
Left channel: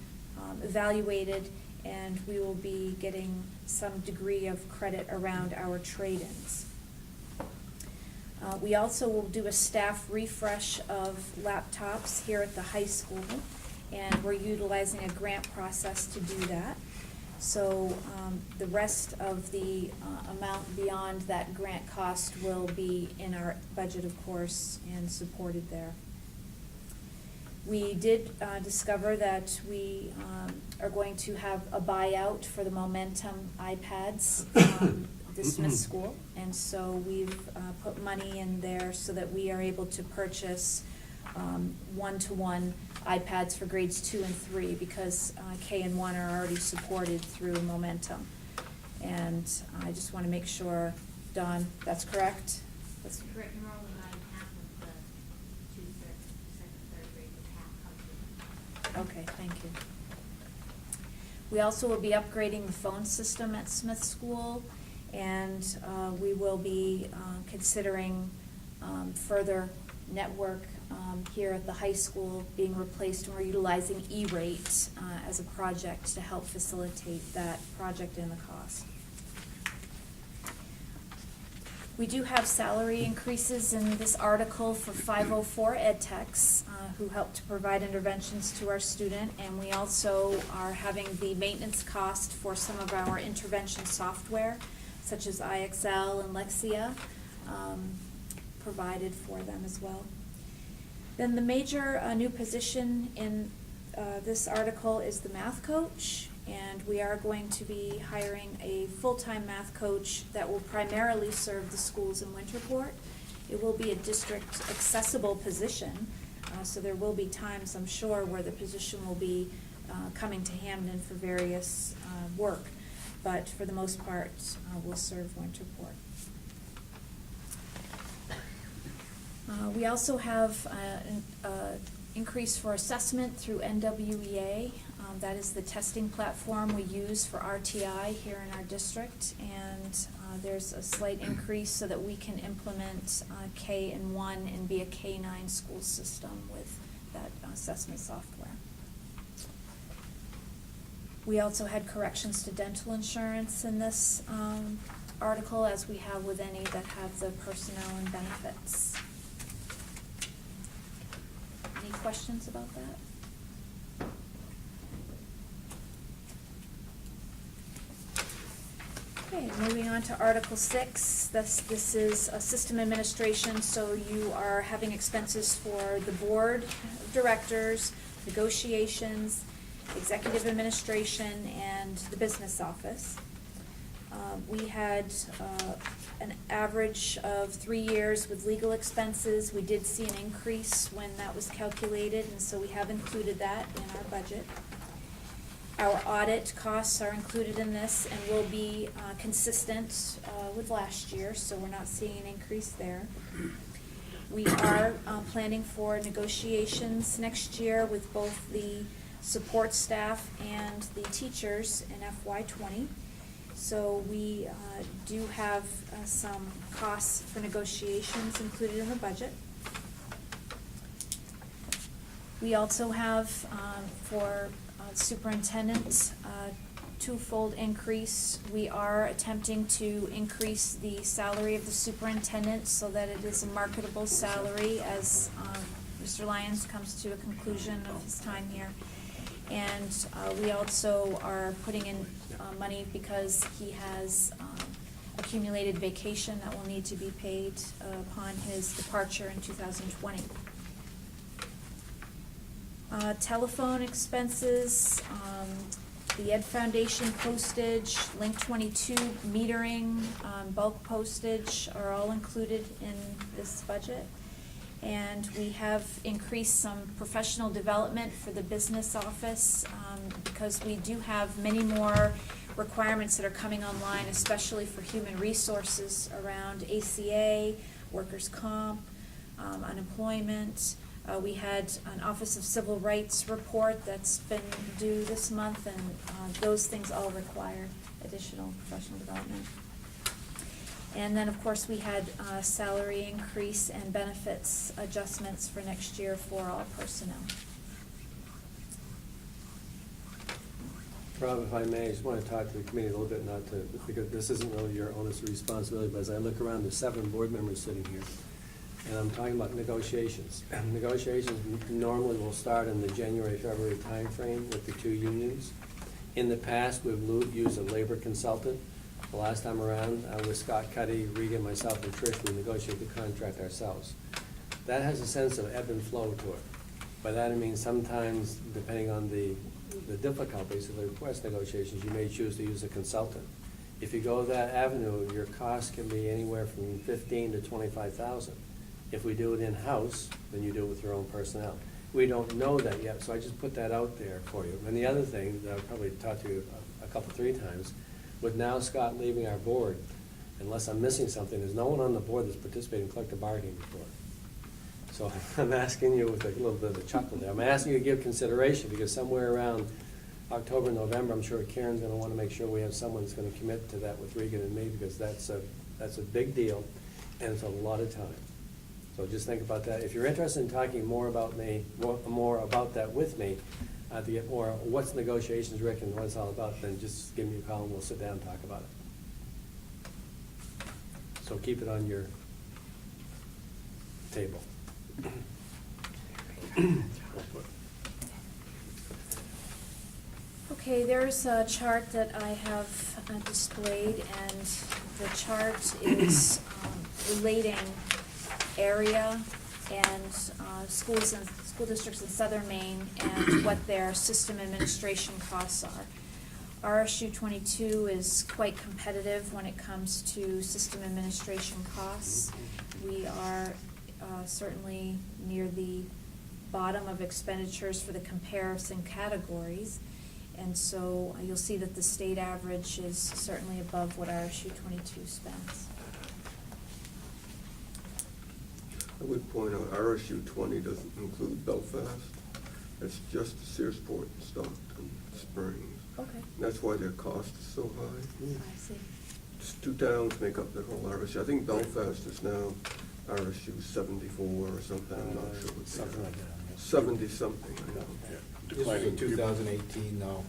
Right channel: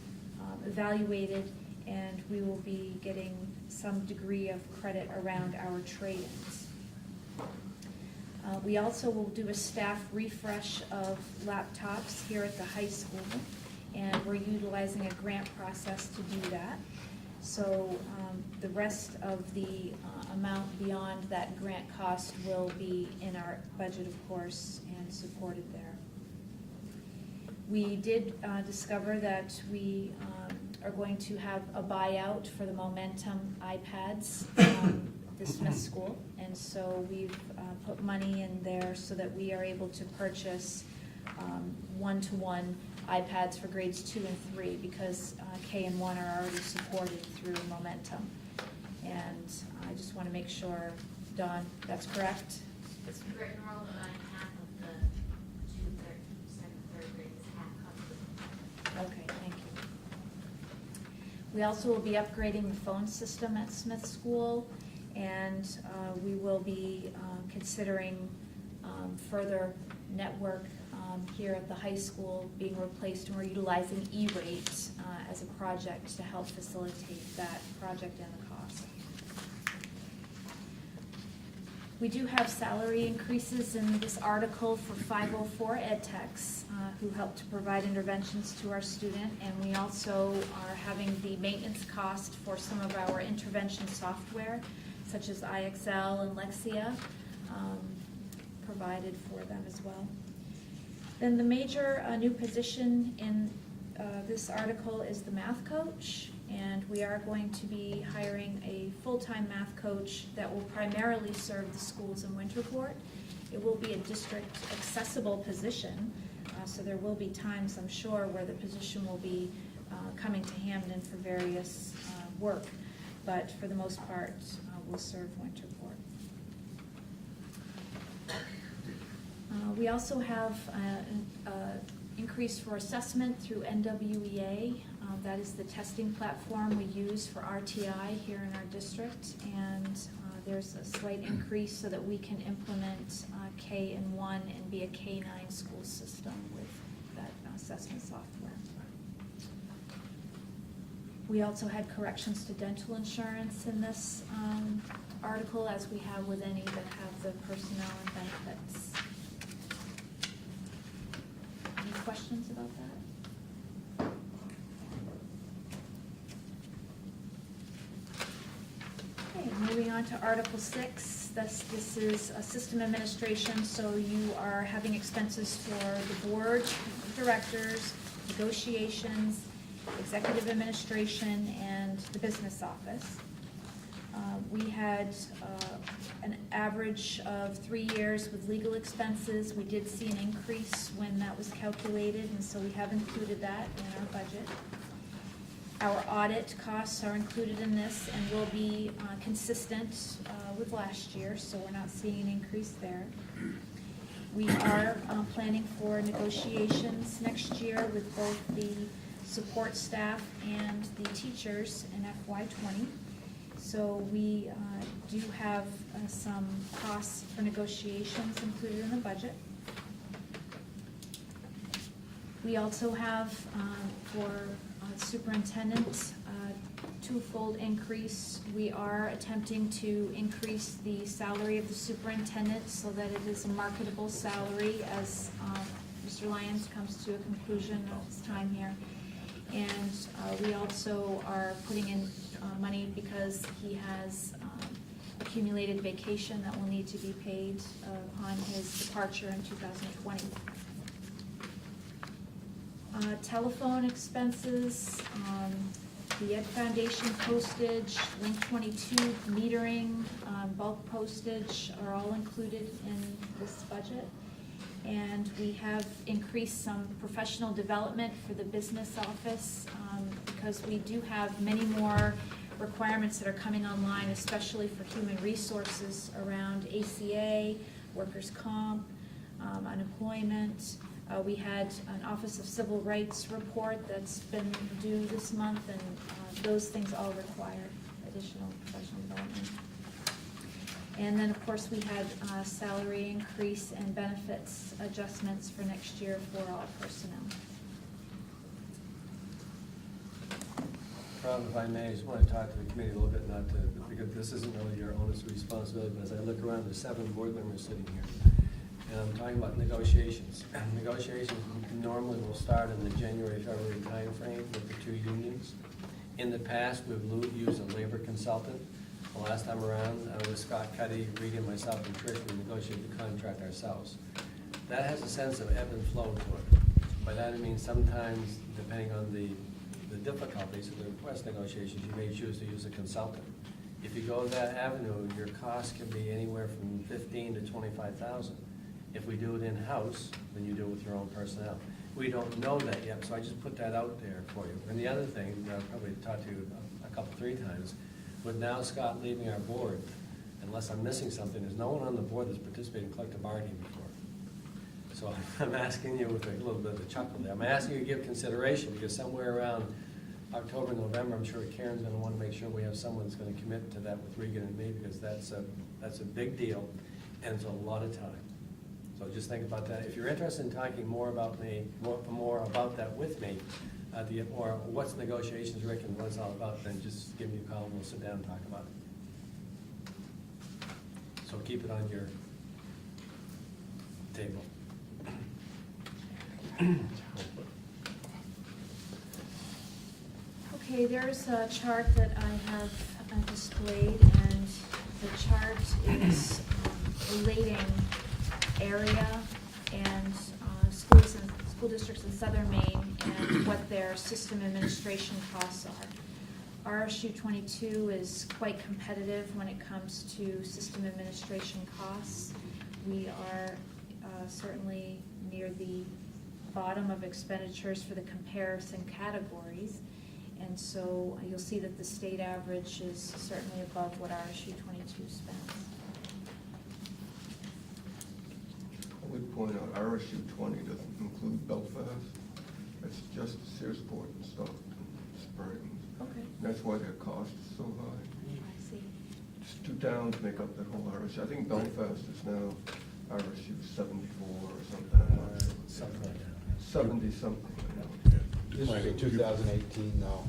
evaluated, and we will be getting some degree of credit around our trade-ins. We also will do a staff refresh of laptops here at the high school, and we're utilizing a grant process to do that. So the rest of the amount beyond that grant cost will be in our budget, of course, and supported there. We did discover that we are going to have a buyout for the Momentum iPads this Smith School, and so we've put money in there so that we are able to purchase one-to-one iPads for grades 2 and 3 because K and 1 are already supported through Momentum. And I just want to make sure, Dawn, that's correct? It's correct. Enrollment on half of the 2nd, 3rd grade is half covered. Okay, thank you. We also will be upgrading the phone system at Smith School, and we will be considering further network here at the high school being replaced, and we're utilizing E-rate as a project to help facilitate that project and the cost. We do have salary increases in this article for 504 ed techs who help to provide interventions to our student, and we also are having the maintenance cost for some of our intervention software, such as IXL and Lexia, provided for them as well. Then the major new position in this article is the math coach, and we are going to be hiring a full-time math coach that will primarily serve the schools in Winterport. It will be a district accessible position, so there will be times, I'm sure, where the position will be coming to Hampden for various work, but for the most part, will serve Winterport. We also have an increase for assessment through NWEA. That is the testing platform we use for RTI here in our district, and there's a slight increase so that we can implement K in 1 and be a K-9 school system with that assessment software. We also had corrections to dental insurance in this article, as we have with any that have the personnel and benefits. Any questions about that? moving on to Article 6, this is system administration, so you are having expenses for the board of directors, negotiations, executive administration, and the business office. We had an average of 3 years with legal expenses. We did see an increase when that was calculated, and so we have included that in our budget. Our audit costs are included in this and will be consistent with last year, so we're not seeing an increase there. We are planning for negotiations next year with both the support staff and the teachers in FY20. So we do have some costs for negotiations included in the budget. We also have for superintendent twofold increase. We are attempting to increase the salary of the superintendent so that it is a marketable salary as Mr. Lyons comes to a conclusion of his time here. And we also are putting in money because he has accumulated vacation that will need to be paid upon his departure in 2020. Telephone expenses, the Ed Foundation postage, Link 22 metering, bulk postage are all included in this budget. And we have increased some professional development for the business office because we do have many more requirements that are coming online, especially for human resources around ACA, workers' comp, unemployment. We had an Office of Civil Rights report that's been due this month, and those things all require additional professional development. And then, of course, we had salary increase and benefits adjustments for next year for all personnel. Rob, if I may, I just want to talk to the committee a little bit, not to, because this isn't really your onus or responsibility, but as I look around, there's 7 board members sitting here. And I'm talking about negotiations. Negotiations normally will start in the January-February timeframe with the 2 unions. In the past, we've used a labor consultant. The last time around, with Scott Cuddy, Regan, myself, and Trish, we negotiated the contract ourselves. That has a sense of ebb and flow to it. By that I mean sometimes, depending on the difficulties of the request negotiations, you may choose to use a consultant. If you go that avenue, your cost can be anywhere from $15,000 to $25,000. If we do it in-house, then you do it with your own personnel. We don't know that yet, so I just put that out there for you. And the other thing that I've probably talked to you about 3 times, with now Scott leaving our board, unless I'm missing something, there's no one on the board that's participated in collective bargaining before. So I'm asking you with a little bit of a chuckle there. I'm asking you to give consideration because somewhere around October, November, I'm sure Karen's gonna wanna make sure we have someone that's gonna commit to that with Regan and me, because that's a big deal and it's a lot of time. So just think about that. If you're interested in talking more about that with me, or what's negotiations, Rick, and what it's all about, then just give me a call and we'll sit down and talk about it. So keep it on your table. Okay, there's a chart that I have displayed, and the chart is relating area and schools and school districts in Southern Maine and what their system administration costs are. RSU 22 is quite competitive when it comes to system administration costs. We are certainly near the bottom of expenditures for the comparison categories. And so you'll see that the state average is certainly above what RSU 22 spends. I would point out RSU 20 doesn't include Belfast. It's just Searsport and Stockton Springs. Okay. And that's why their cost is so high. I see. Just 2 towns make up the whole RSU. I think Belfast is now RSU 74 or something. I'm not sure what Something like that. 70 something, I know. This was in 2018 though.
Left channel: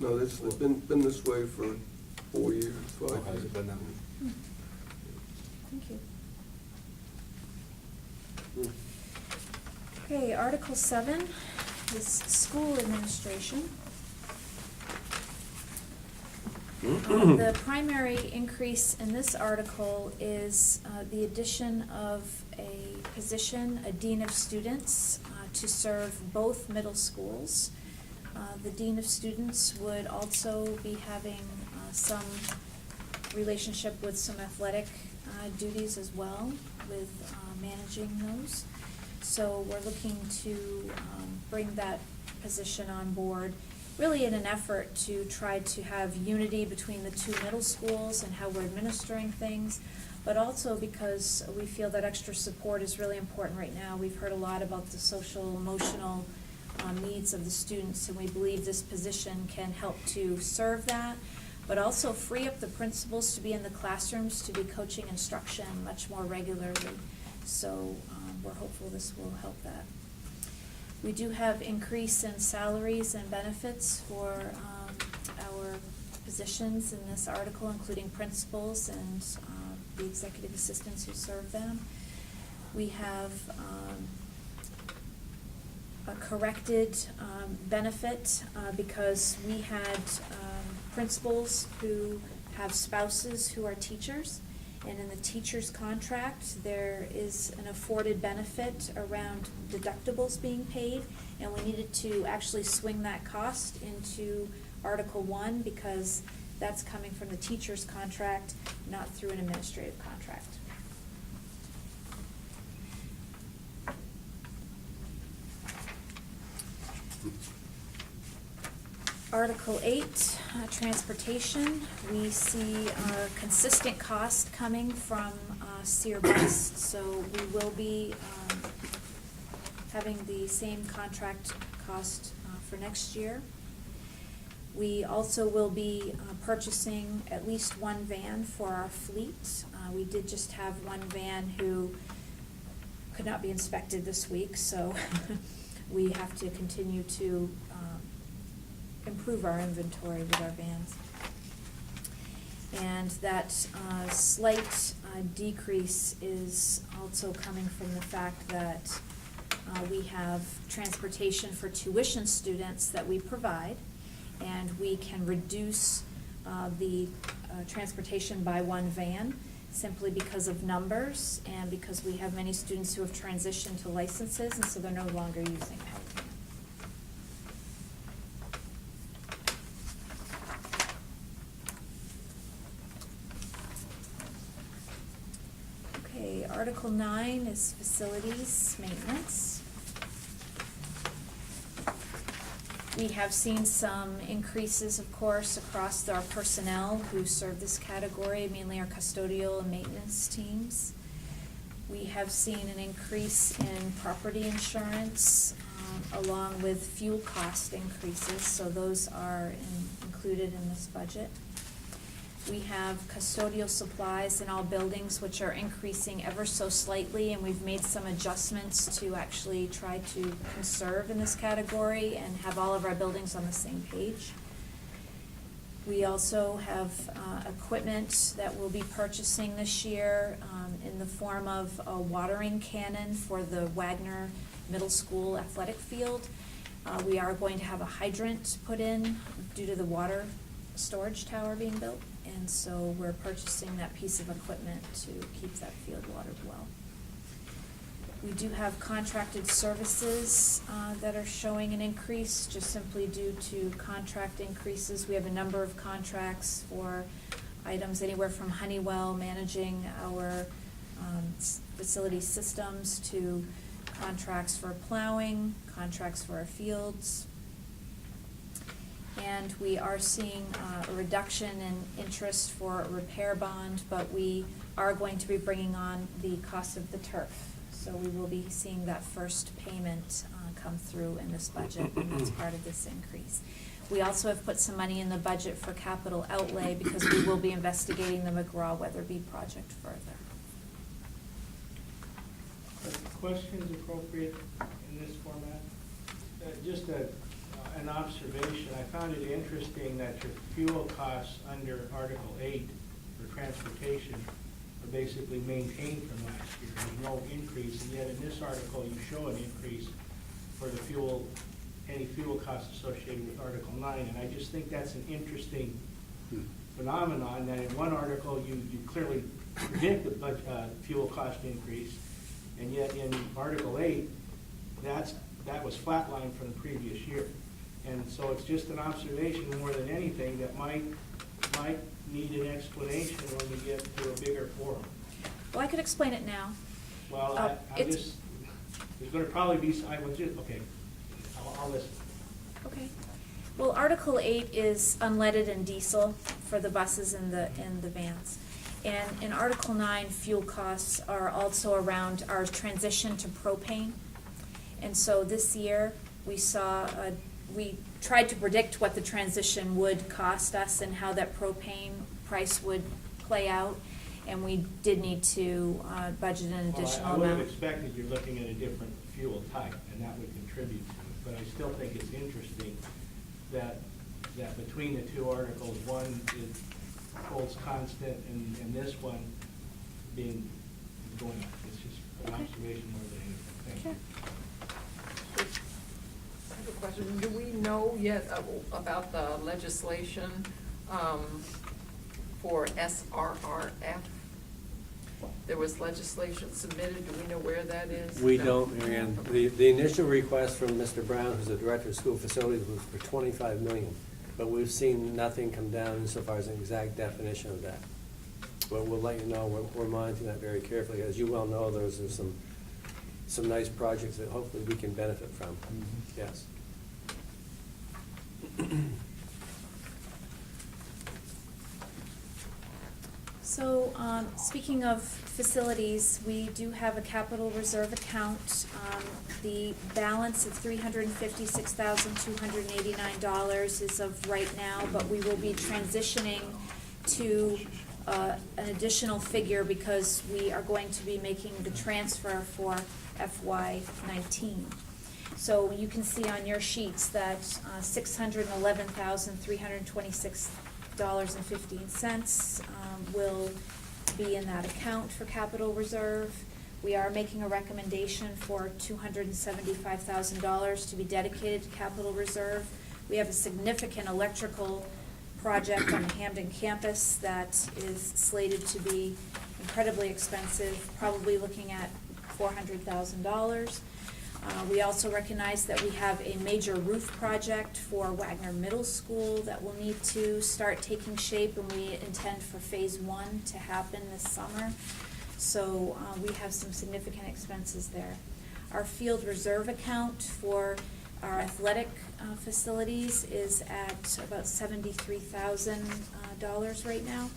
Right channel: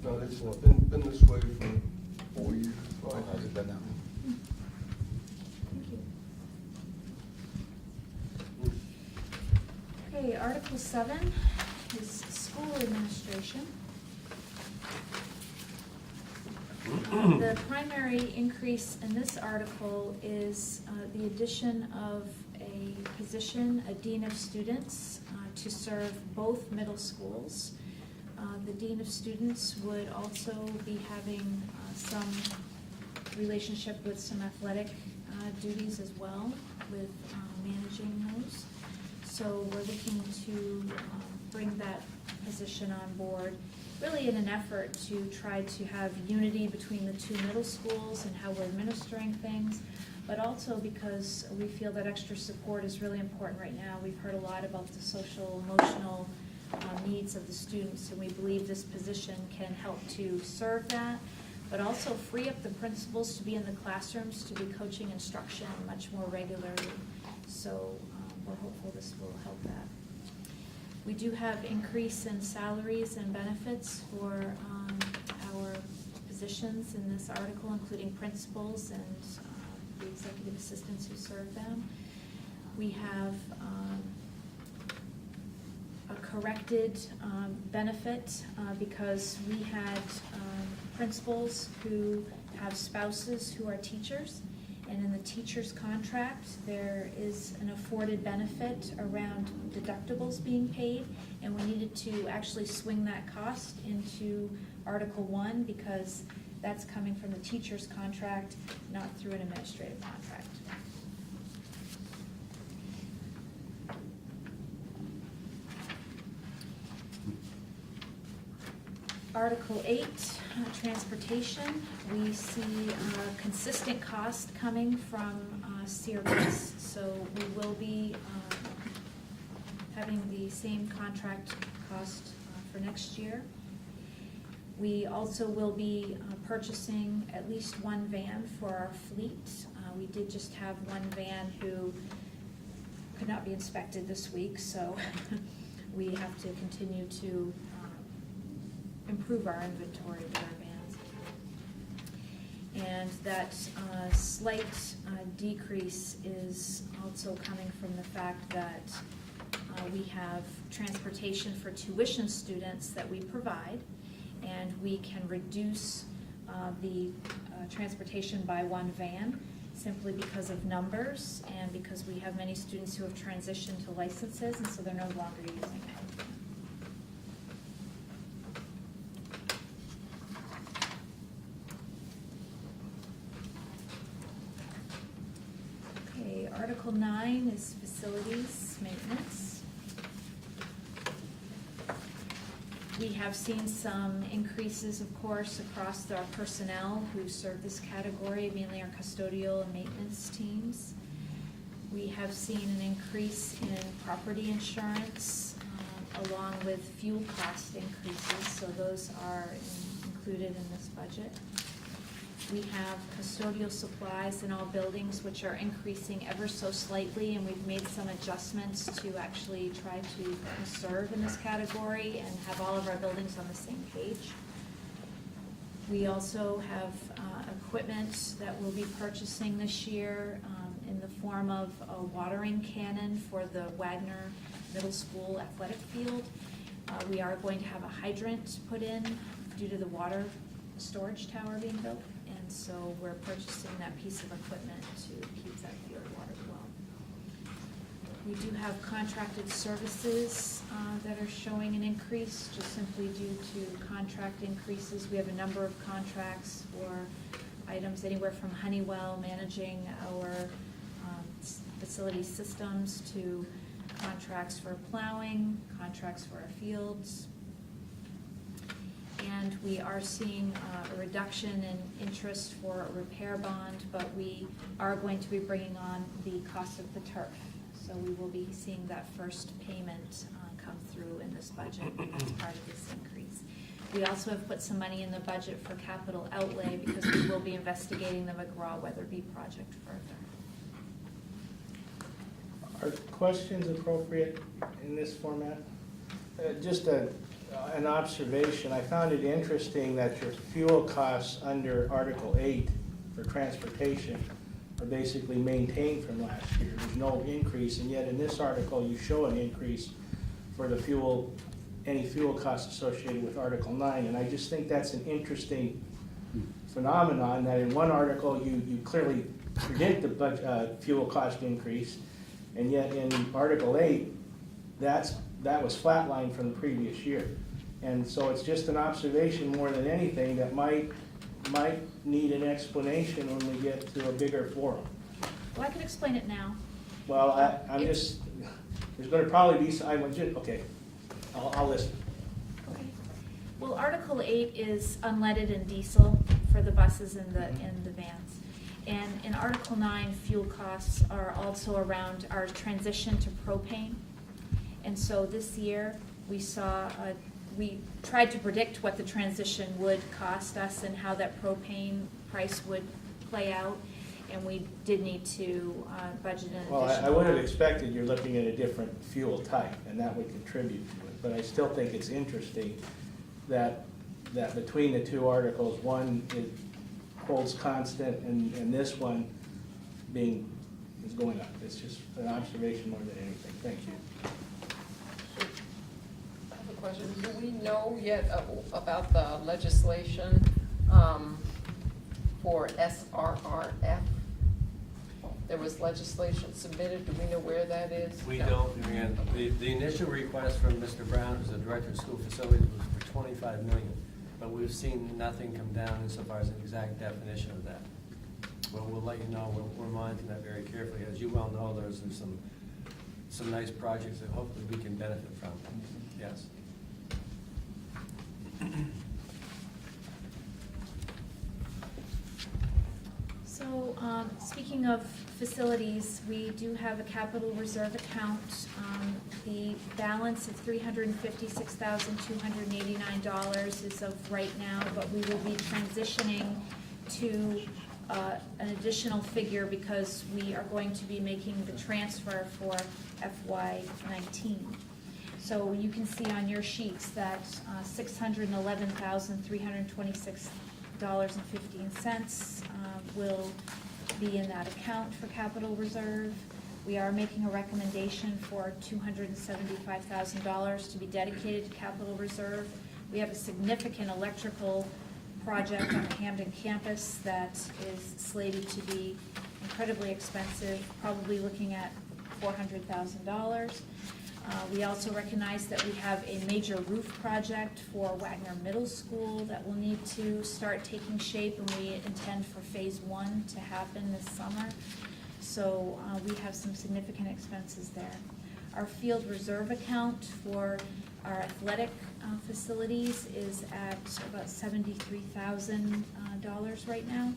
No, it's been this way for 4 years, 5 Has years. it been that? Thank you. Okay, Article 7 is school administration. The primary increase in this article is the addition of a position, a dean of students, to serve both middle schools. The dean of students would also be having some relationship with some athletic duties as well, with managing those. So we're looking to bring that position on board, really in an effort to try to have unity between the two middle schools and how we're administering things, but also because we feel that extra support is really important right now. We've heard a lot about the social, emotional needs of the students, and we believe this position can help to serve that, but also free up the principals to be in the classrooms, to be coaching instruction much more regularly. So we're hopeful this will help that. We do have increase in salaries and benefits for our positions in this article, including principals and the executive assistants who serve them. We have a corrected benefit because we had principals who have spouses who are teachers, and in the teacher's contract there is an afforded benefit around deductibles being paid, and we needed to actually swing that cost into Article 1 because that's coming from the teacher's contract, not through an administrative contract. Article 8, transportation. We see consistent cost coming from Sear Bus, so we will be having the same contract cost for next year. We also will be purchasing at least one van for our fleet. We did just have one van who could not be inspected this week, so we have to continue to improve our inventory with our vans. And that slight decrease is also coming from the fact that we have transportation for tuition students that we provide, and we can reduce the transportation by one van simply because of numbers and because we have many students who have transitioned to licenses, and so they're no longer using it. Article 9 is facilities maintenance. We have seen some increases, of course, across our personnel who serve this category, mainly our custodial and maintenance teams. We have seen an increase in property insurance along with fuel cost increases, so those are included in this budget. We have custodial supplies in all buildings, which are increasing ever so slightly, and we've made some adjustments to actually try to conserve in this category and have all of our buildings on the same page. We also have equipment that we'll be purchasing this year in the form of a watering cannon for the Wagner Middle School athletic field. We are going to have a hydrant put in due to the water storage tower being built. And so we're purchasing that piece of equipment to keep that field watered well. We do have contracted services that are showing an increase just simply due to contract increases. We have a number of contracts for items anywhere from Honeywell managing our facility systems to contracts for plowing, contracts for our fields. And we are seeing a reduction in interest for a repair bond, but we are going to be bringing on the cost of the turf. So we will be seeing that first payment come through in this budget, and that's part of this increase. We also have put some money in the budget for capital outlay because we will be investigating the McGraw-Weatherby project further. Are questions appropriate in this format? Just an observation. I found it interesting that your fuel costs under Article 8 for transportation are basically maintained from last year. There's no increase, and yet in this article you show an increase for the fuel, any fuel costs associated with Article 9, and I just think that's an interesting phenomenon that in one article, you clearly predict the fuel cost increase, and yet in Article 8, that was flatlined from the previous year. And so it's just an observation more than anything that might need an explanation when we get to a bigger forum. Well, I can explain it now. Well, I'm It's- just, there's gonna probably be, okay, I'll listen. Okay. Well, Article 8 is unleaded and diesel for the buses and the vans. And in Article 9, fuel costs are also around our transition to propane. And so this year, we tried to predict what the transition would cost us and how that propane price would play out. And we did need to budget an Well, additional I would have amount. expected you're looking at a different fuel type, and that would contribute to it. But I still think it's interesting that between the two articles, one it holds constant, and this one is going up. It's just an observation more than anything. Thank you. I have a question. Do we know yet about the legislation for SRRF? There was legislation submitted. Do we know where that is? We don't, Marianne. The initial request from Mr. Brown, who's the Director of School Facilities, was for $25 million. But we've seen nothing come down insofar as an exact definition of that. But we'll let you know, we're monitoring that very carefully. As you well know, there's some nice projects that hopefully we can benefit from. Yes. So, speaking of facilities, we do have a capital reserve account. The balance of $356,289 is of right now, but we will be transitioning to an additional figure because we are going to be making the transfer for FY19. So you can see on your sheets that $611,326.15 will be in that account for capital reserve. We are making a recommendation for $275,000 to be dedicated to capital reserve. We have a significant electrical project on the Hampden campus that is slated to be incredibly expensive, probably looking at $400,000. We also recognize that we have a major roof project for Wagner Middle School that will need to start taking shape, and we intend for phase 1 to happen this summer. So we have some significant expenses there. Our field reserve account for our athletic facilities is at about $73,000 right now.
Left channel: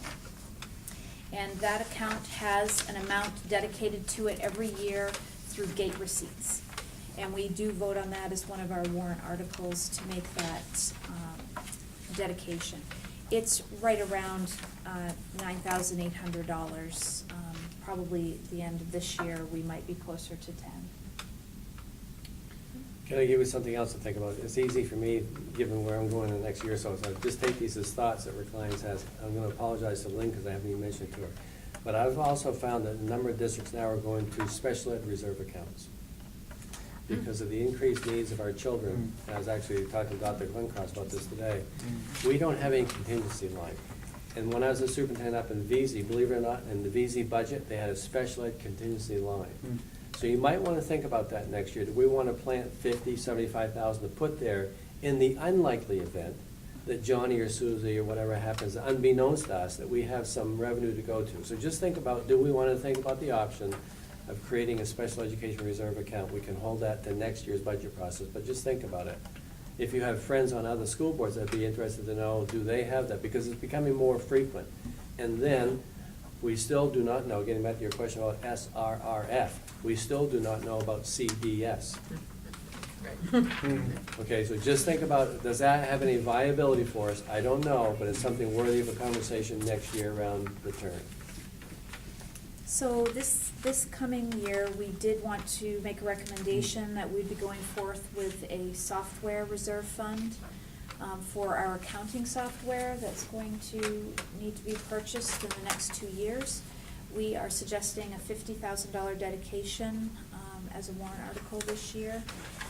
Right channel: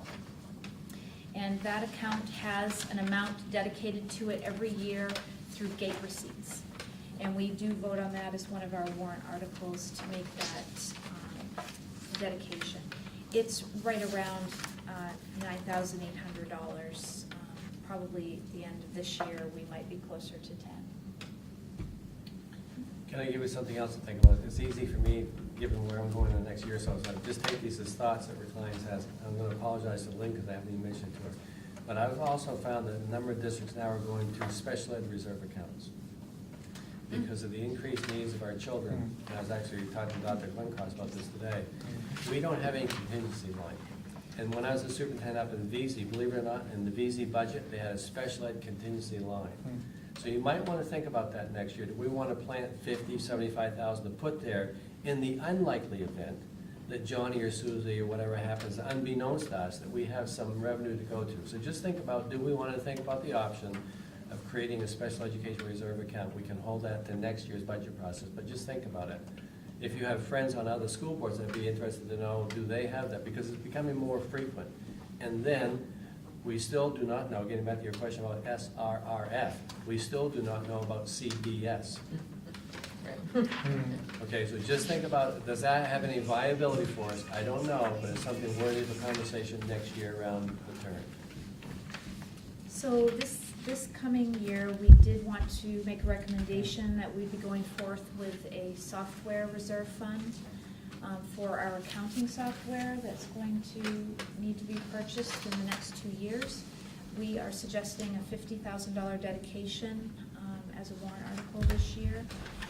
And that account has an amount dedicated to it every year through gate receipts. And we do vote on that as one of our warrant articles to make that dedication. It's right around $9,800. Probably at the end of this year, we might be closer to 10. Can I give you something else to think about? It's easy for me, given where I'm going in the next year or so, so just take these as thoughts that our clients has. I'm gonna apologize to Lynn because I haven't even mentioned it to her. But I've also found that a number of districts now are going to special ed reserve accounts because of the increased needs of our children. I was actually talking to Dr. Glencross about this today. We don't have any contingency line. And when I was a superintendent up in VZ, believe it or not, in the VZ budget, they had a special ed contingency line. So you might want to think about that next year. Do we want to plant 50, 75,000 to put there in the unlikely event that Johnny or Susie or whatever happens, unbeknownst to us, that we have some revenue to go to? So just think about, do we want to think about the option of creating a special education reserve account? We can hold that to next year's budget process, but just think about it. If you have friends on other school boards, I'd be interested to know, do they have that? Because it's becoming more frequent. And then, we still do not know, getting back to your question about SRRF, we still do not know about CDS. Okay, so just think about, does that have any viability for us? I don't know, but it's something worthy of a conversation next year around the turn. So this coming year, we did want to make a recommendation that we'd be going forth with a software reserve fund for our accounting software that's going to need to be purchased in the next 2 years. We are suggesting a $50,000 dedication as a warrant article this year.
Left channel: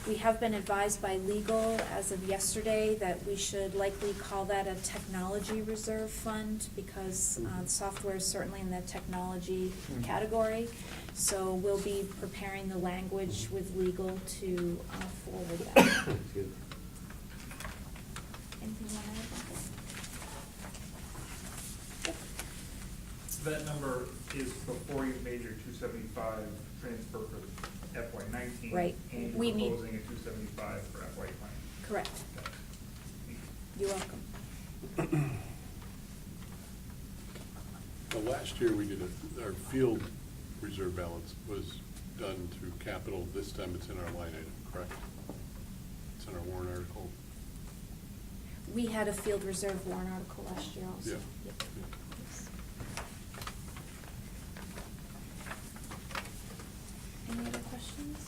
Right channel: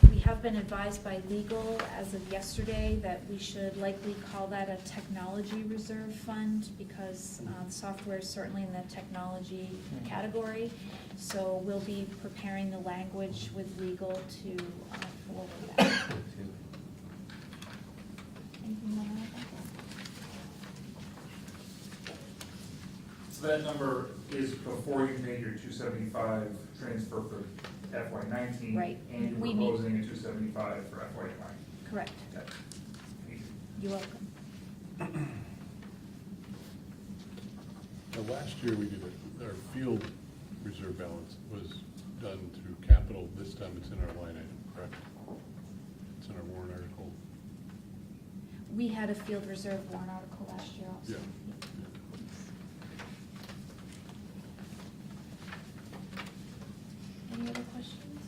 We have been advised by legal as of yesterday that we should likely call that a technology reserve fund because software is certainly in the technology category. So we'll be preparing the language with legal to forward that. Excuse me. Anything you want to add? That number is before you made your 275 transfer for FY '19. Right. And We you're need- proposing a 275 for FY '20. Correct. Yep. You're welcome. Well, last year we did, our field reserve balance was done through capital. This time it's in our line item, correct? It's in our warrant article. We had a field reserve warrant article last year also. Yeah. Yep. Any other questions?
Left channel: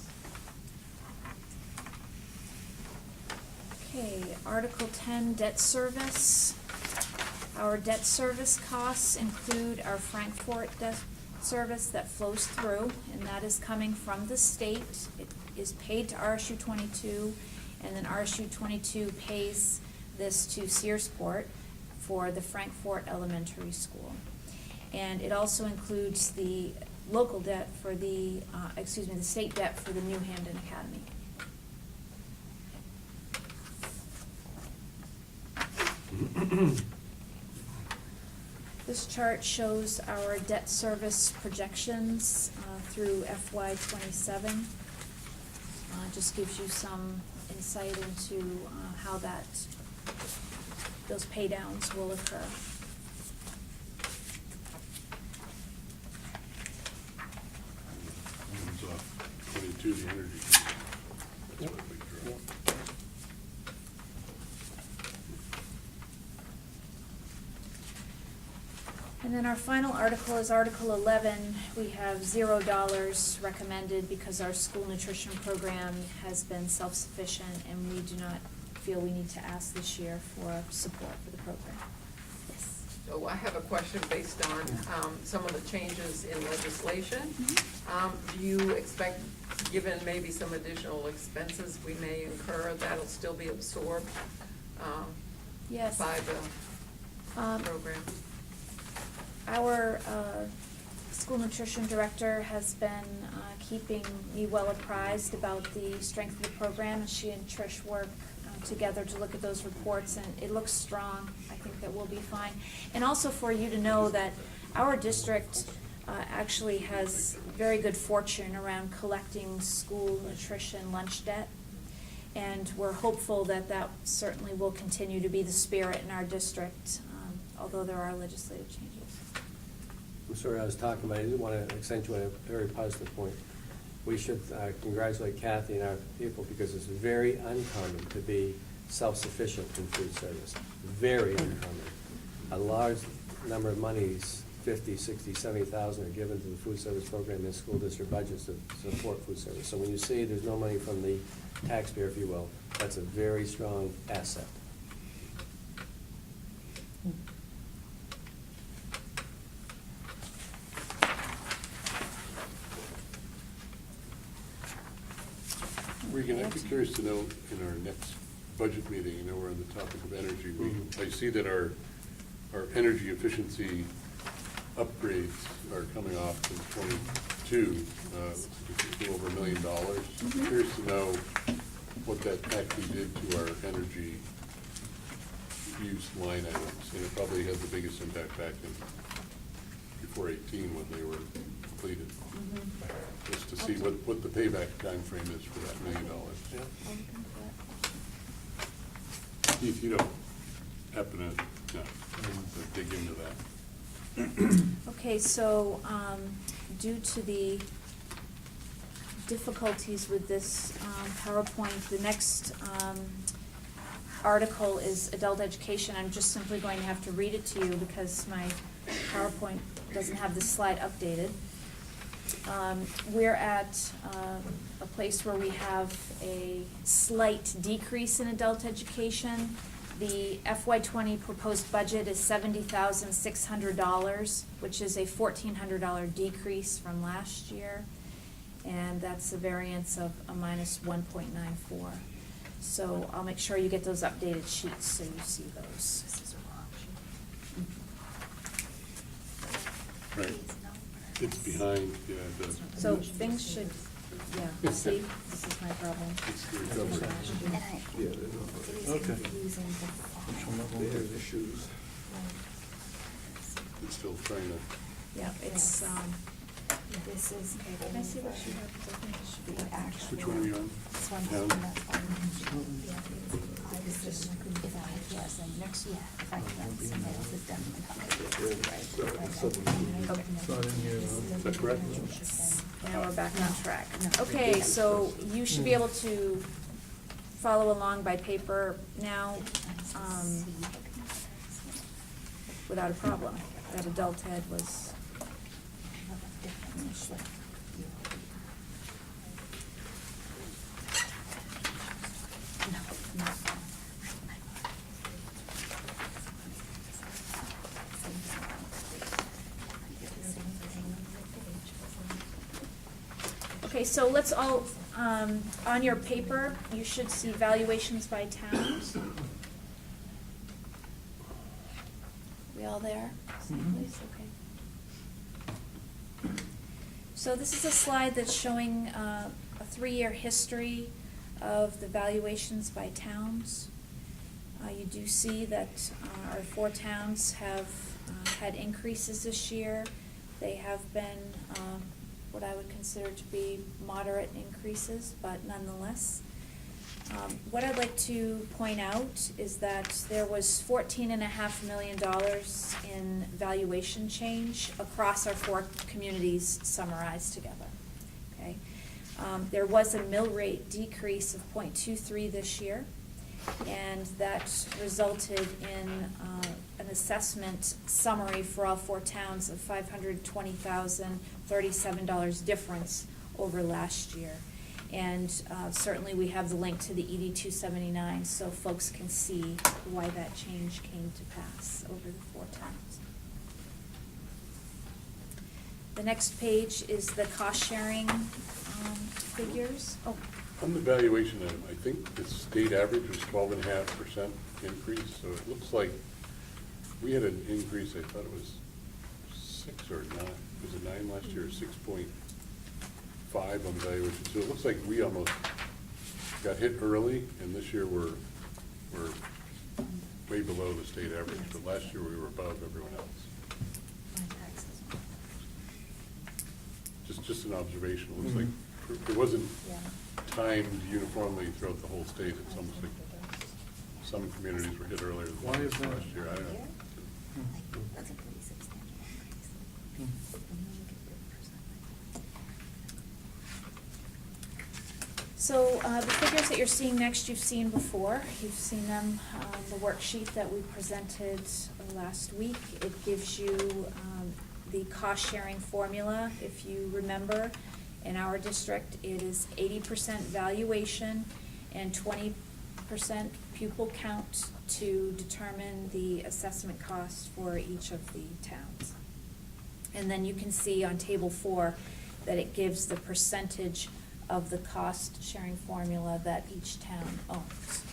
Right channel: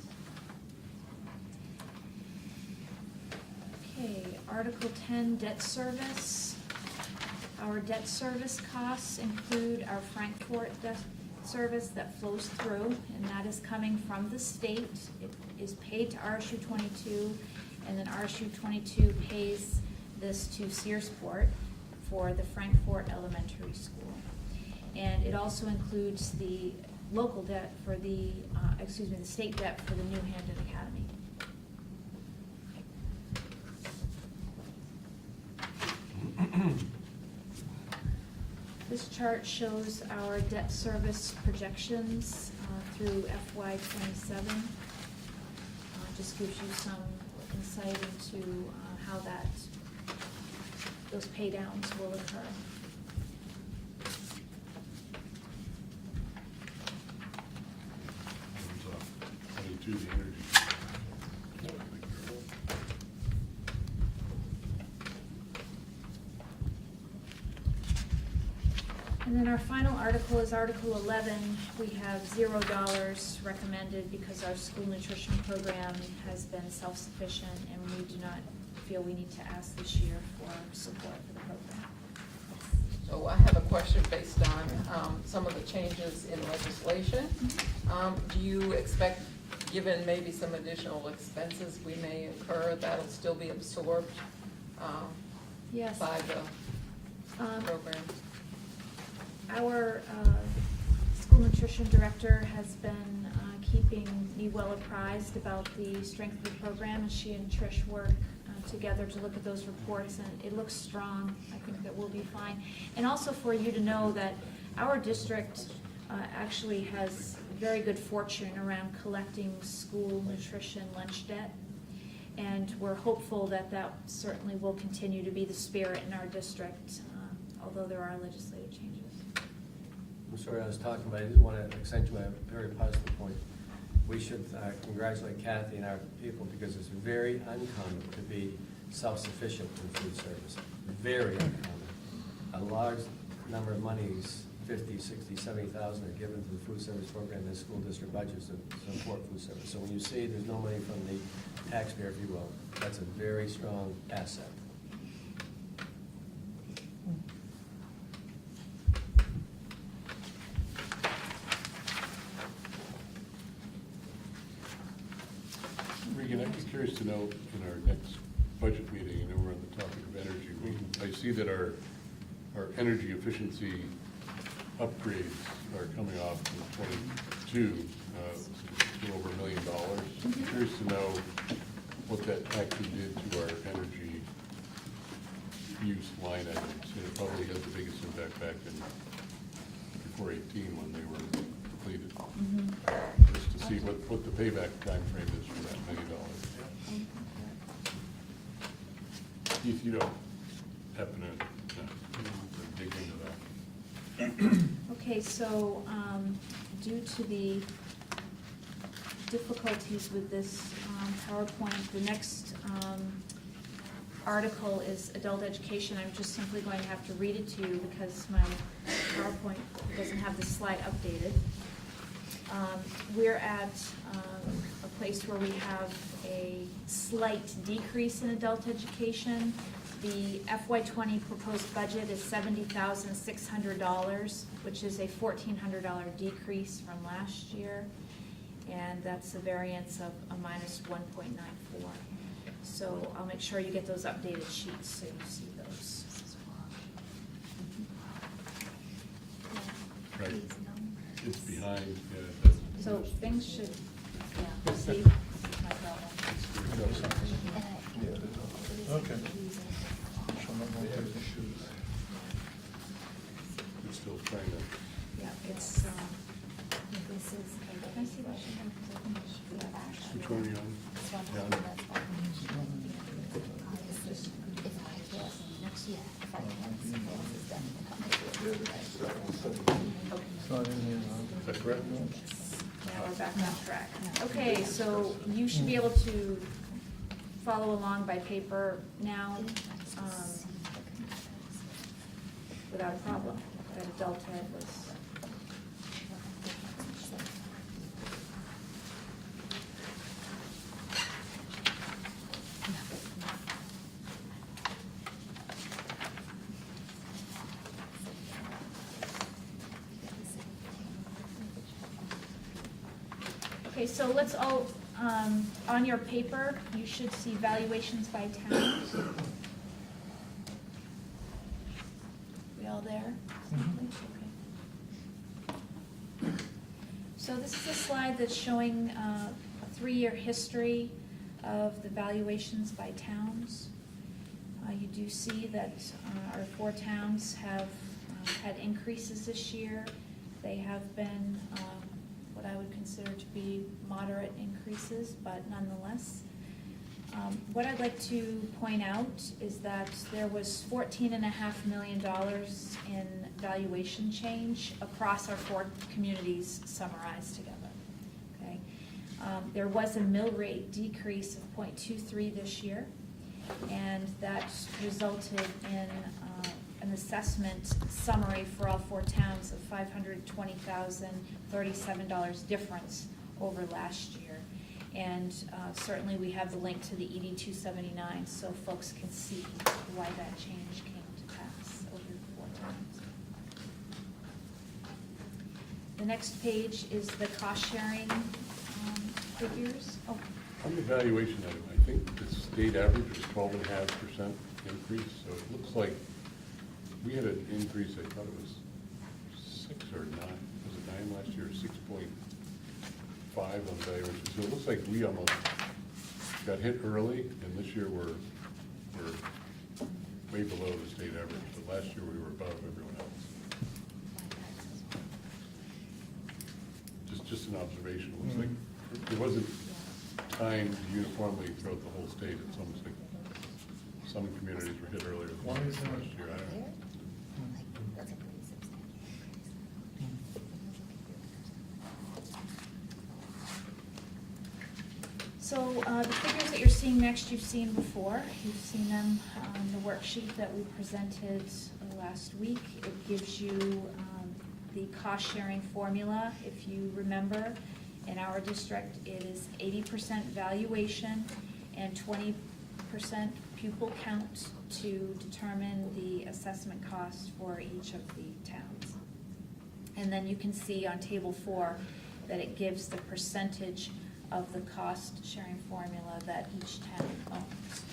Okay, Article 10, debt service. Our debt service costs include our Frankfurt debt service that flows through, and that is coming from the state. It is paid to RSU 22, and then RSU 22 pays this to Searsport for the Frankfurt Elementary School. And it also includes the local debt for the, the state debt for the new Hampden Academy. This chart shows our debt service projections through FY '27. Just gives you some insight into how those pay downs will occur. It's 22, the energy. And then our final article is Article 11. We have $0 recommended because our school nutrition program has been self-sufficient and we do not feel we need to ask this year for support for the program. Yes. So I have a question based on some of the changes in legislation. Do you expect, given maybe some additional expenses we may incur, that'll still be absorbed Yes. by the program? Our school nutrition director has been keeping me well apprised about the strength of the program, and she and Trish work together to look at those reports, and it looks strong. I think that we'll be fine. And also for you to know that our district actually has very good fortune around collecting school nutrition lunch debt, and we're hopeful that that certainly will continue to be the spirit in our district, although there are legislative changes. I'm sorry, I was talking, but I did want to accentuate a very positive point. We should congratulate Kathy and our people because it's very uncommon to be self-sufficient in food service. Very uncommon. A large number of monies, 50, 60, 70,000 are given to the food service program in school district budgets to support food service. So when you see there's no money from the taxpayer, if you will, that's a very strong asset. Regan, I'd be curious to know in our next budget meeting, you know, we're on the topic of energy. I see that our energy efficiency upgrades are coming off in 22, just a little over $1 million. I'm curious to know what that actually did to our energy use line items. It probably had the biggest impact back in before 18 when they were completed. Just to see what the payback time frame is for that $1 million. Keith, you don't happen to dig into that? Okay, so due to the difficulties with this PowerPoint, the next article is adult education. I'm just simply going to have to read it to you because my PowerPoint doesn't have this slide updated. We're at a place where we have a slight decrease in adult education. The FY '20 proposed budget is $70,600, which is a $1,400 decrease from last year. and that's a variance of a minus 1.94. So I'll make sure you get those updated sheets so you see those. Right. It's behind, yeah, the. So things should, yeah, see, this is my problem. Okay. There's the shoes. It's still trying to. Yeah, it's, this is, okay, can I see what she has? Which one are you on? This one. Down? Is that correct? Now we're back on track. Okay, so you should be able to follow along by paper now, without a problem. That adult head was. Okay, so let's all, on your paper, you should see valuations by town. We all there? Okay. So this is a slide that's showing a 3-year history of the valuations by towns. You do see that our 4 towns have had increases this year. They have been what I would consider to be moderate increases, but nonetheless. What I'd like to point out is that there was $14.5 million in valuation change across our 4 communities summarized together. Okay, there was a mill rate decrease of 0.23 this year, and that resulted in an assessment summary for all 4 towns of $520,037 difference over last year. And certainly we have the link to the ED 279 so folks can see why that change came to pass over the 4 towns. The next page is the cost sharing figures. Oh. On the valuation, I think the state average was 12.5% increase, so it looks like we had an increase, I thought it was 6 or 9, was it 9 last year, 6.5 on valuation. So it looks like we almost got hit early, and this year we're way below the state average. But last year we were above everyone else. Just an observation. It looks like it wasn't timed uniformly throughout the whole state. It's almost like some communities were hit earlier than Why is that? last year. I don't know. So the figures that you're seeing next, you've seen before. You've seen them on the worksheet that we presented last week. It gives you the cost sharing formula. If you remember, in our district, it is 80% valuation and 20% pupil count to determine the assessment cost for each of the towns. And then you can see on table 4 that it gives the percentage of the cost sharing formula that each town owns.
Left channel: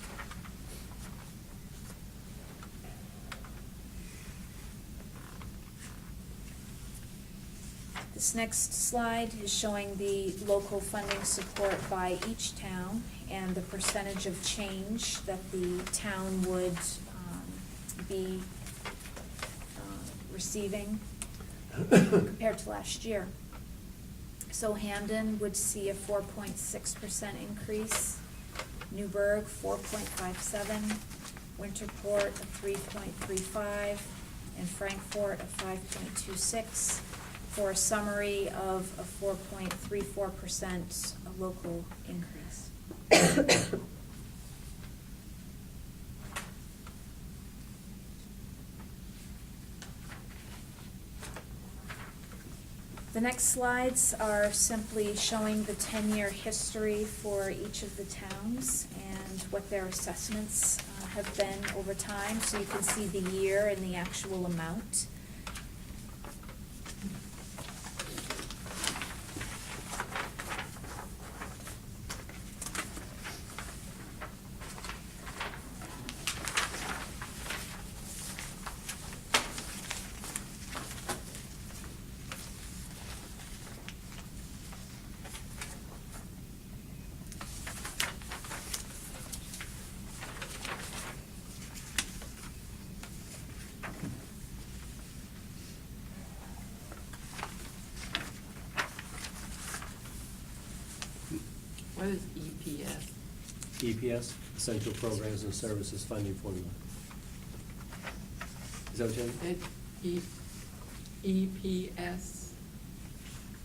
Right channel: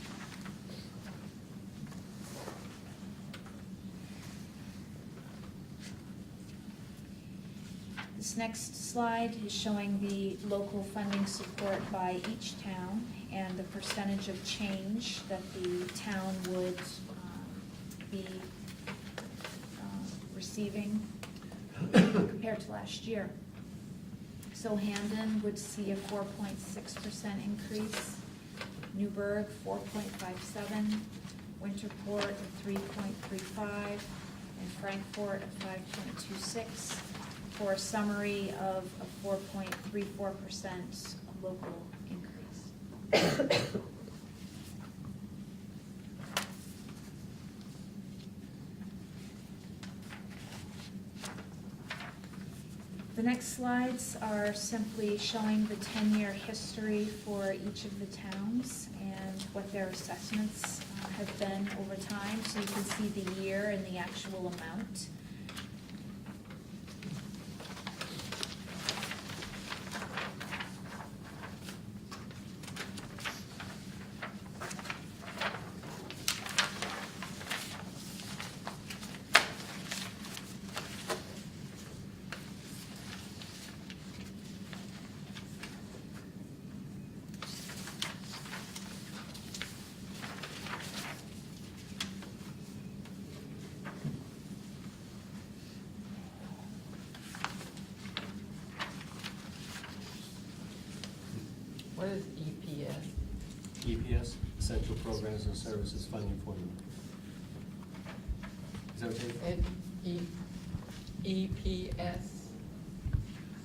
This next slide is showing the local funding support by each town and the percentage of change that the town would be receiving compared to last year. So Hampden would see a 4.6% increase, Newburgh 4.57, Winterport 3.35, and Frankfort at 5.26, for a summary of a 4.34% local increase. The next slides are simply showing the 10-year history for each of the towns and what their assessments have been over time, so you can see the year and the actual amount. EPS, Essential Programs and Services Funding Formula. Is that what you're saying? EPS.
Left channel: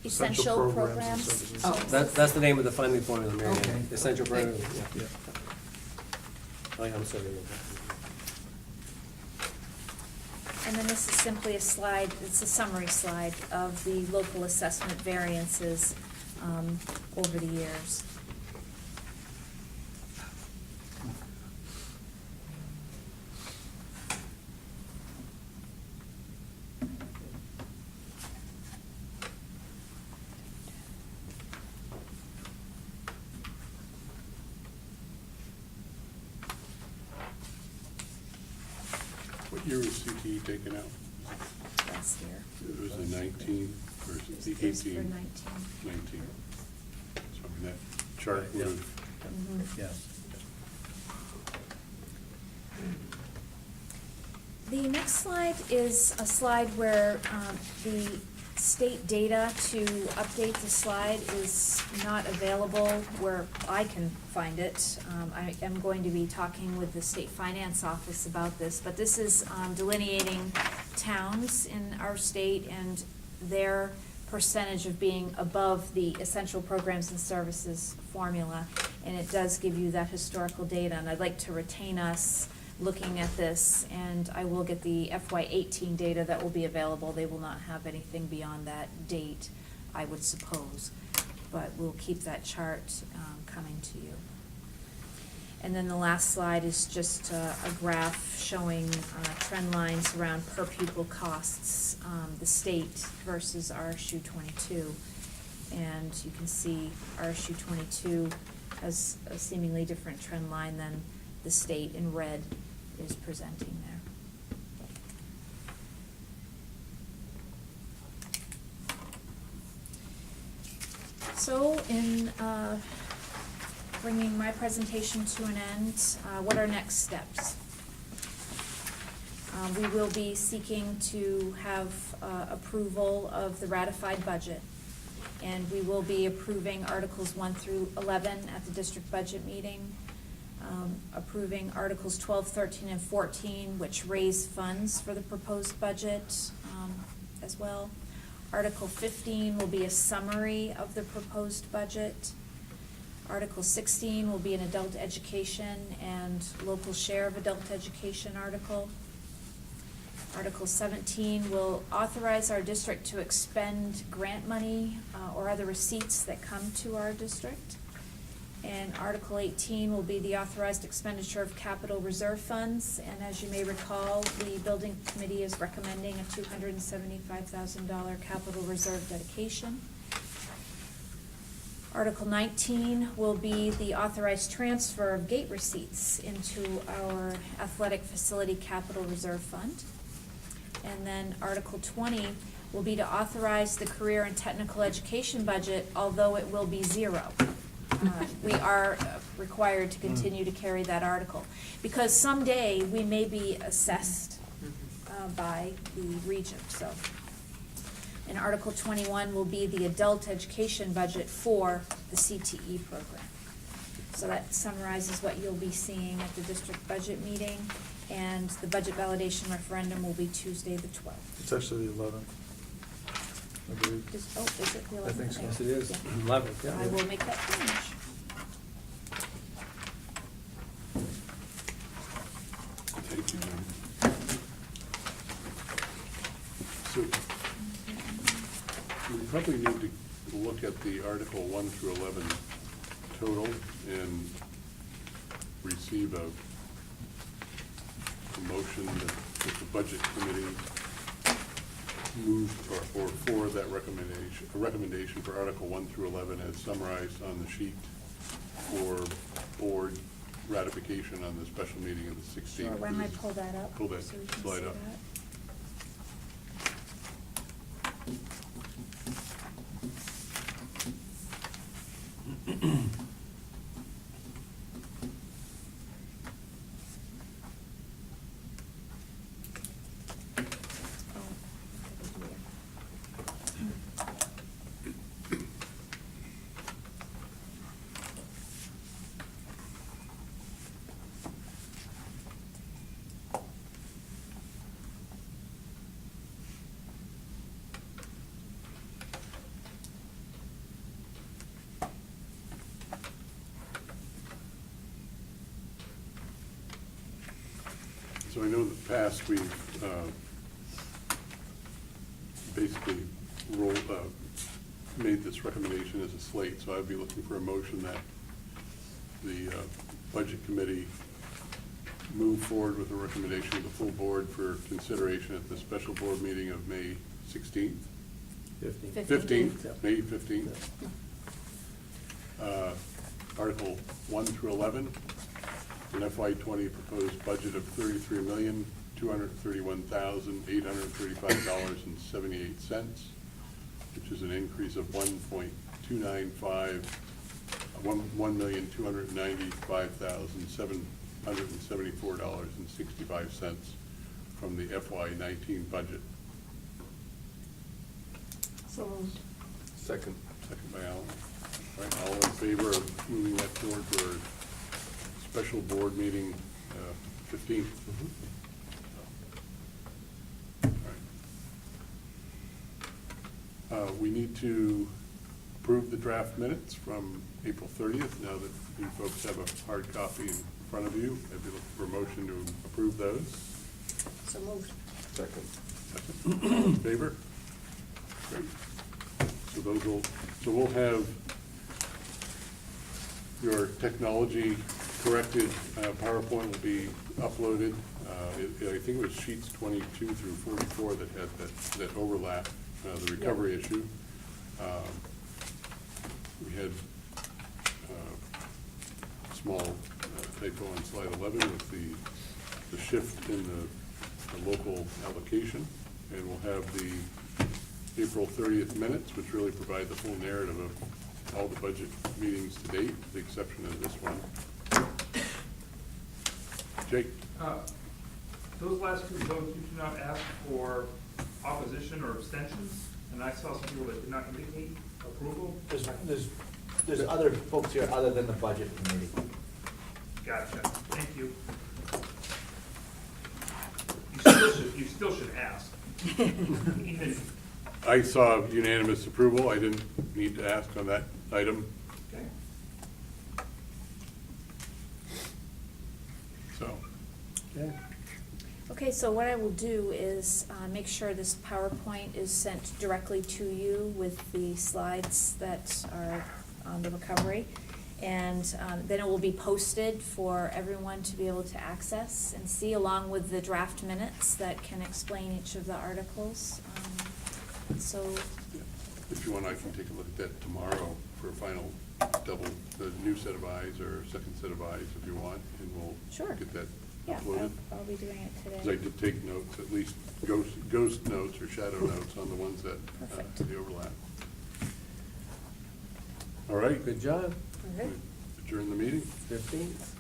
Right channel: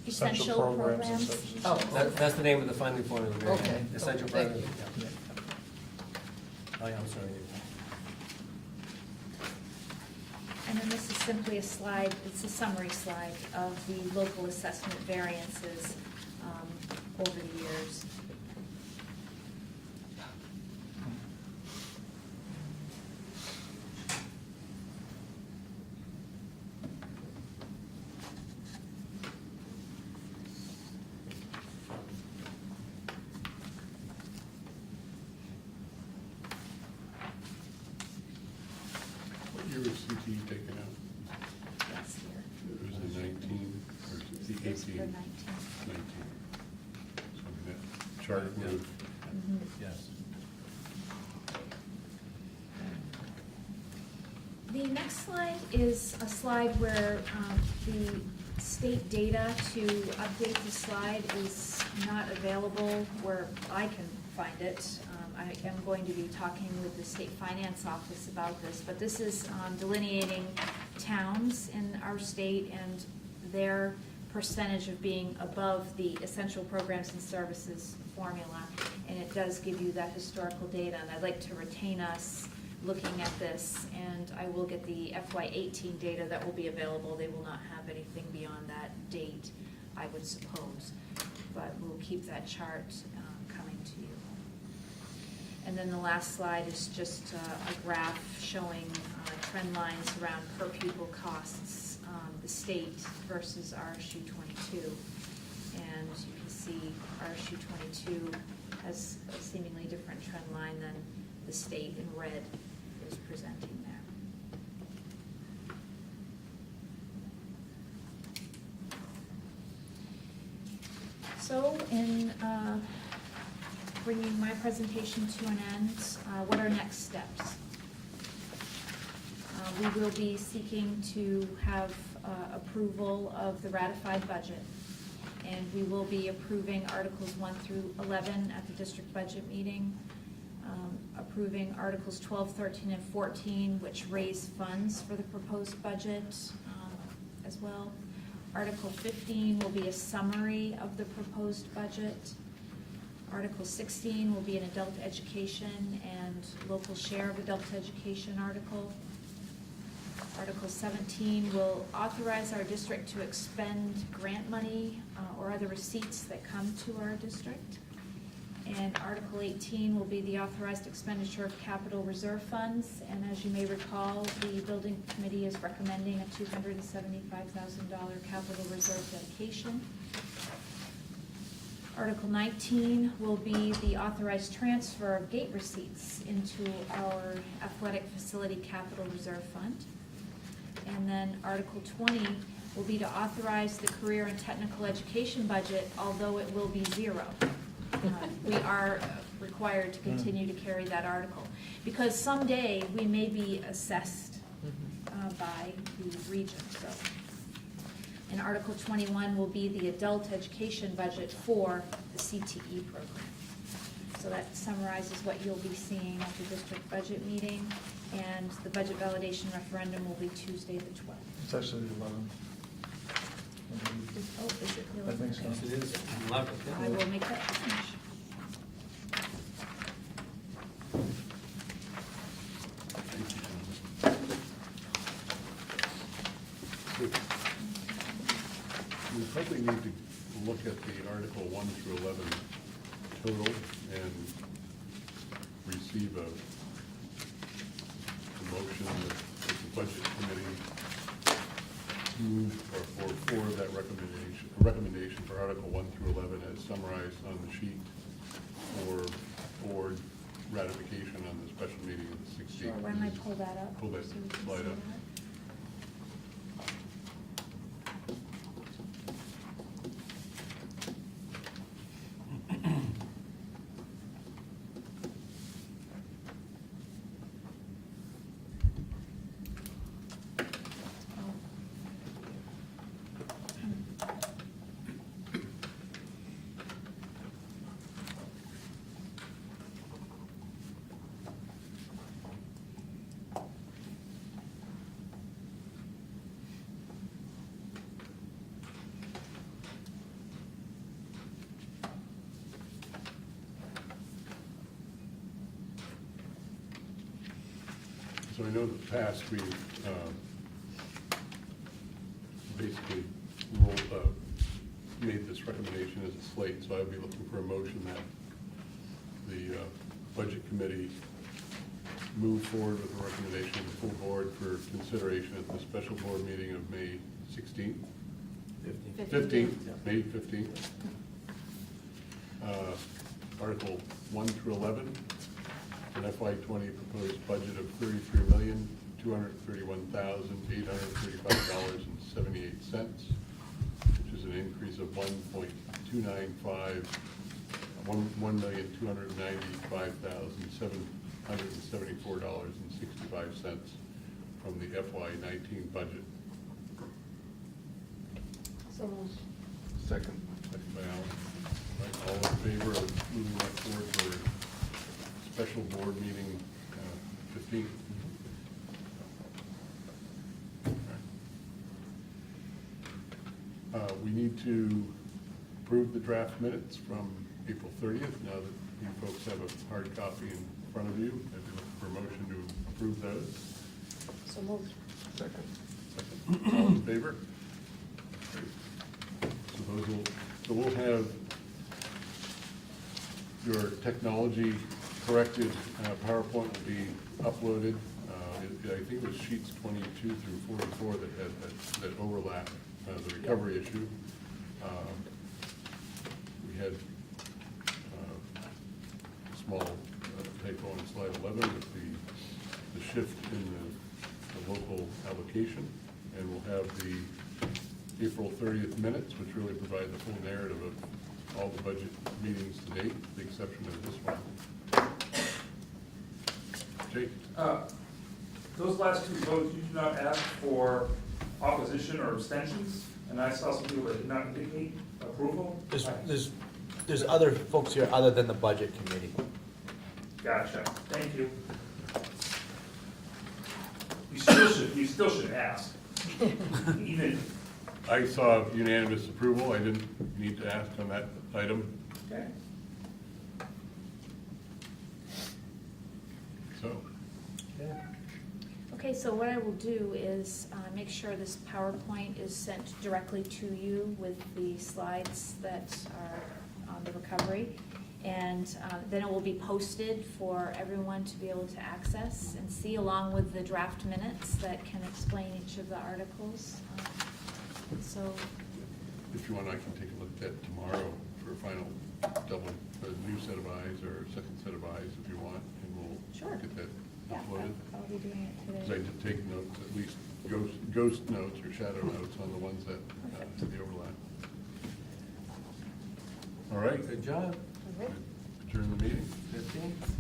Essential programs and programs. services. Oh, That's the name of the funding formula, Mary Ann. Okay. Essential Thank Programs, you. yeah. I'm sorry. And then this is simply a slide, it's a summary slide of the local assessment variances over the years. What year was CTE taken out? That's here. It was in 19, or is it This for 18? 19. 19. So I mean, that chart would have, Mhm. Yes. The next slide is a slide where the state data to update the slide is not available where I can find it. I am going to be talking with the state finance office about this, but this is delineating towns in our state and their percentage of being above the essential programs and services formula. And it does give you that historical data, and I'd like to retain us looking at this, and I will get the FY18 data that will be available. They will not have anything beyond that date, I would suppose, but we'll keep that chart coming to you. And then the last slide is just a graph showing trend lines around per pupil costs, the state versus RSU 22. And you can see RSU 22 has a seemingly different trend line than the state in red is presenting there. So in bringing my presentation to an end, what are next steps? We will be seeking to have approval of the ratified budget, and we will be approving Articles 1 through 11 at the district budget meeting, approving Articles 12, 13, and 14, which raise funds for the proposed budget as well. Article 15 will be a summary of the proposed budget. Article 16 will be an adult education and local share of adult education article. Article 17 will authorize our district to expend grant money or other receipts that come to our district. And Article 18 will be the authorized expenditure of capital reserve funds. And as you may recall, the building committee is recommending a $275,000 capital reserve dedication. Article 19 will be the authorized transfer of gate receipts into our athletic facility capital reserve fund. And then Article 20 will be to authorize the career and technical education budget, although it will be zero. We are required to continue to carry that article, because someday we may be assessed by the region, so. And Article 21 will be the adult education budget for the CTE program. So that summarizes what you'll be seeing at the district budget meeting, and the budget validation referendum will be Tuesday the 12th. It's actually the 11th. I believe. Is it the 11th? I think so. Yes, it is. 11, yeah. I will make that change. So we probably need to look at the Article 1 through 11 total and receive a motion that the budget committee moved or for that recommendation for Article 1 through 11 as summarized on the sheet for board ratification on the special meeting of the 16th. Sure, why don't I pull that up? Pull that so we can slide see up. that? in the past, we've basically made this recommendation as a slate, so I'd be looking for a motion that the Budget Committee move forward with a recommendation to the full board for consideration at the special board meeting of May 16th. 15th, May 15th. Article 1 through 11, an FY20 proposed budget of $33,231,835.78, which is an increase of $1,295,774.65 from the FY19 budget. So moved. Second. Second by Alan. Right, all in favor of moving that towards our special board meeting 15th? All right. We need to approve the draft minutes from April 30th. Now that you folks have a hard copy in front of you, I'd be looking for a motion to approve those. So moved. Second. Second. All in favor? Great. So we'll have your technology corrected PowerPoint will be uploaded. I think it was sheets 22 through 44 that had that overlap, the recovery issue. We had a small typo on slide 11 with the shift in the local allocation, and we'll have the April 30th minutes, which really provide the full narrative of all the budget meetings to date, with the exception of this one. Jake? Those last two votes, you did not ask for opposition or abstentions, and I saw some people that did not indicate approval. There's other folks here other than the budget committee. Gotcha, thank you. You still should ask. Even, I saw unanimous approval. I didn't need to ask on that item. okay. So, Okay, so what I will do is make sure this PowerPoint is sent directly to you with the slides that are on the recovery. And then it will be posted for everyone to be able to access and see, along with the draft minutes that can explain each of the articles. So, if you want, I can take a look at that tomorrow for a final double, the new set of eyes or second set of eyes if you want, and we'll Sure. get that yeah, uploaded. I'll be doing it Because I today. did take notes, at least ghost notes or shadow notes on the ones that Perfect. the overlap. All right, Good job. Okay. adjourn the meeting. 15th.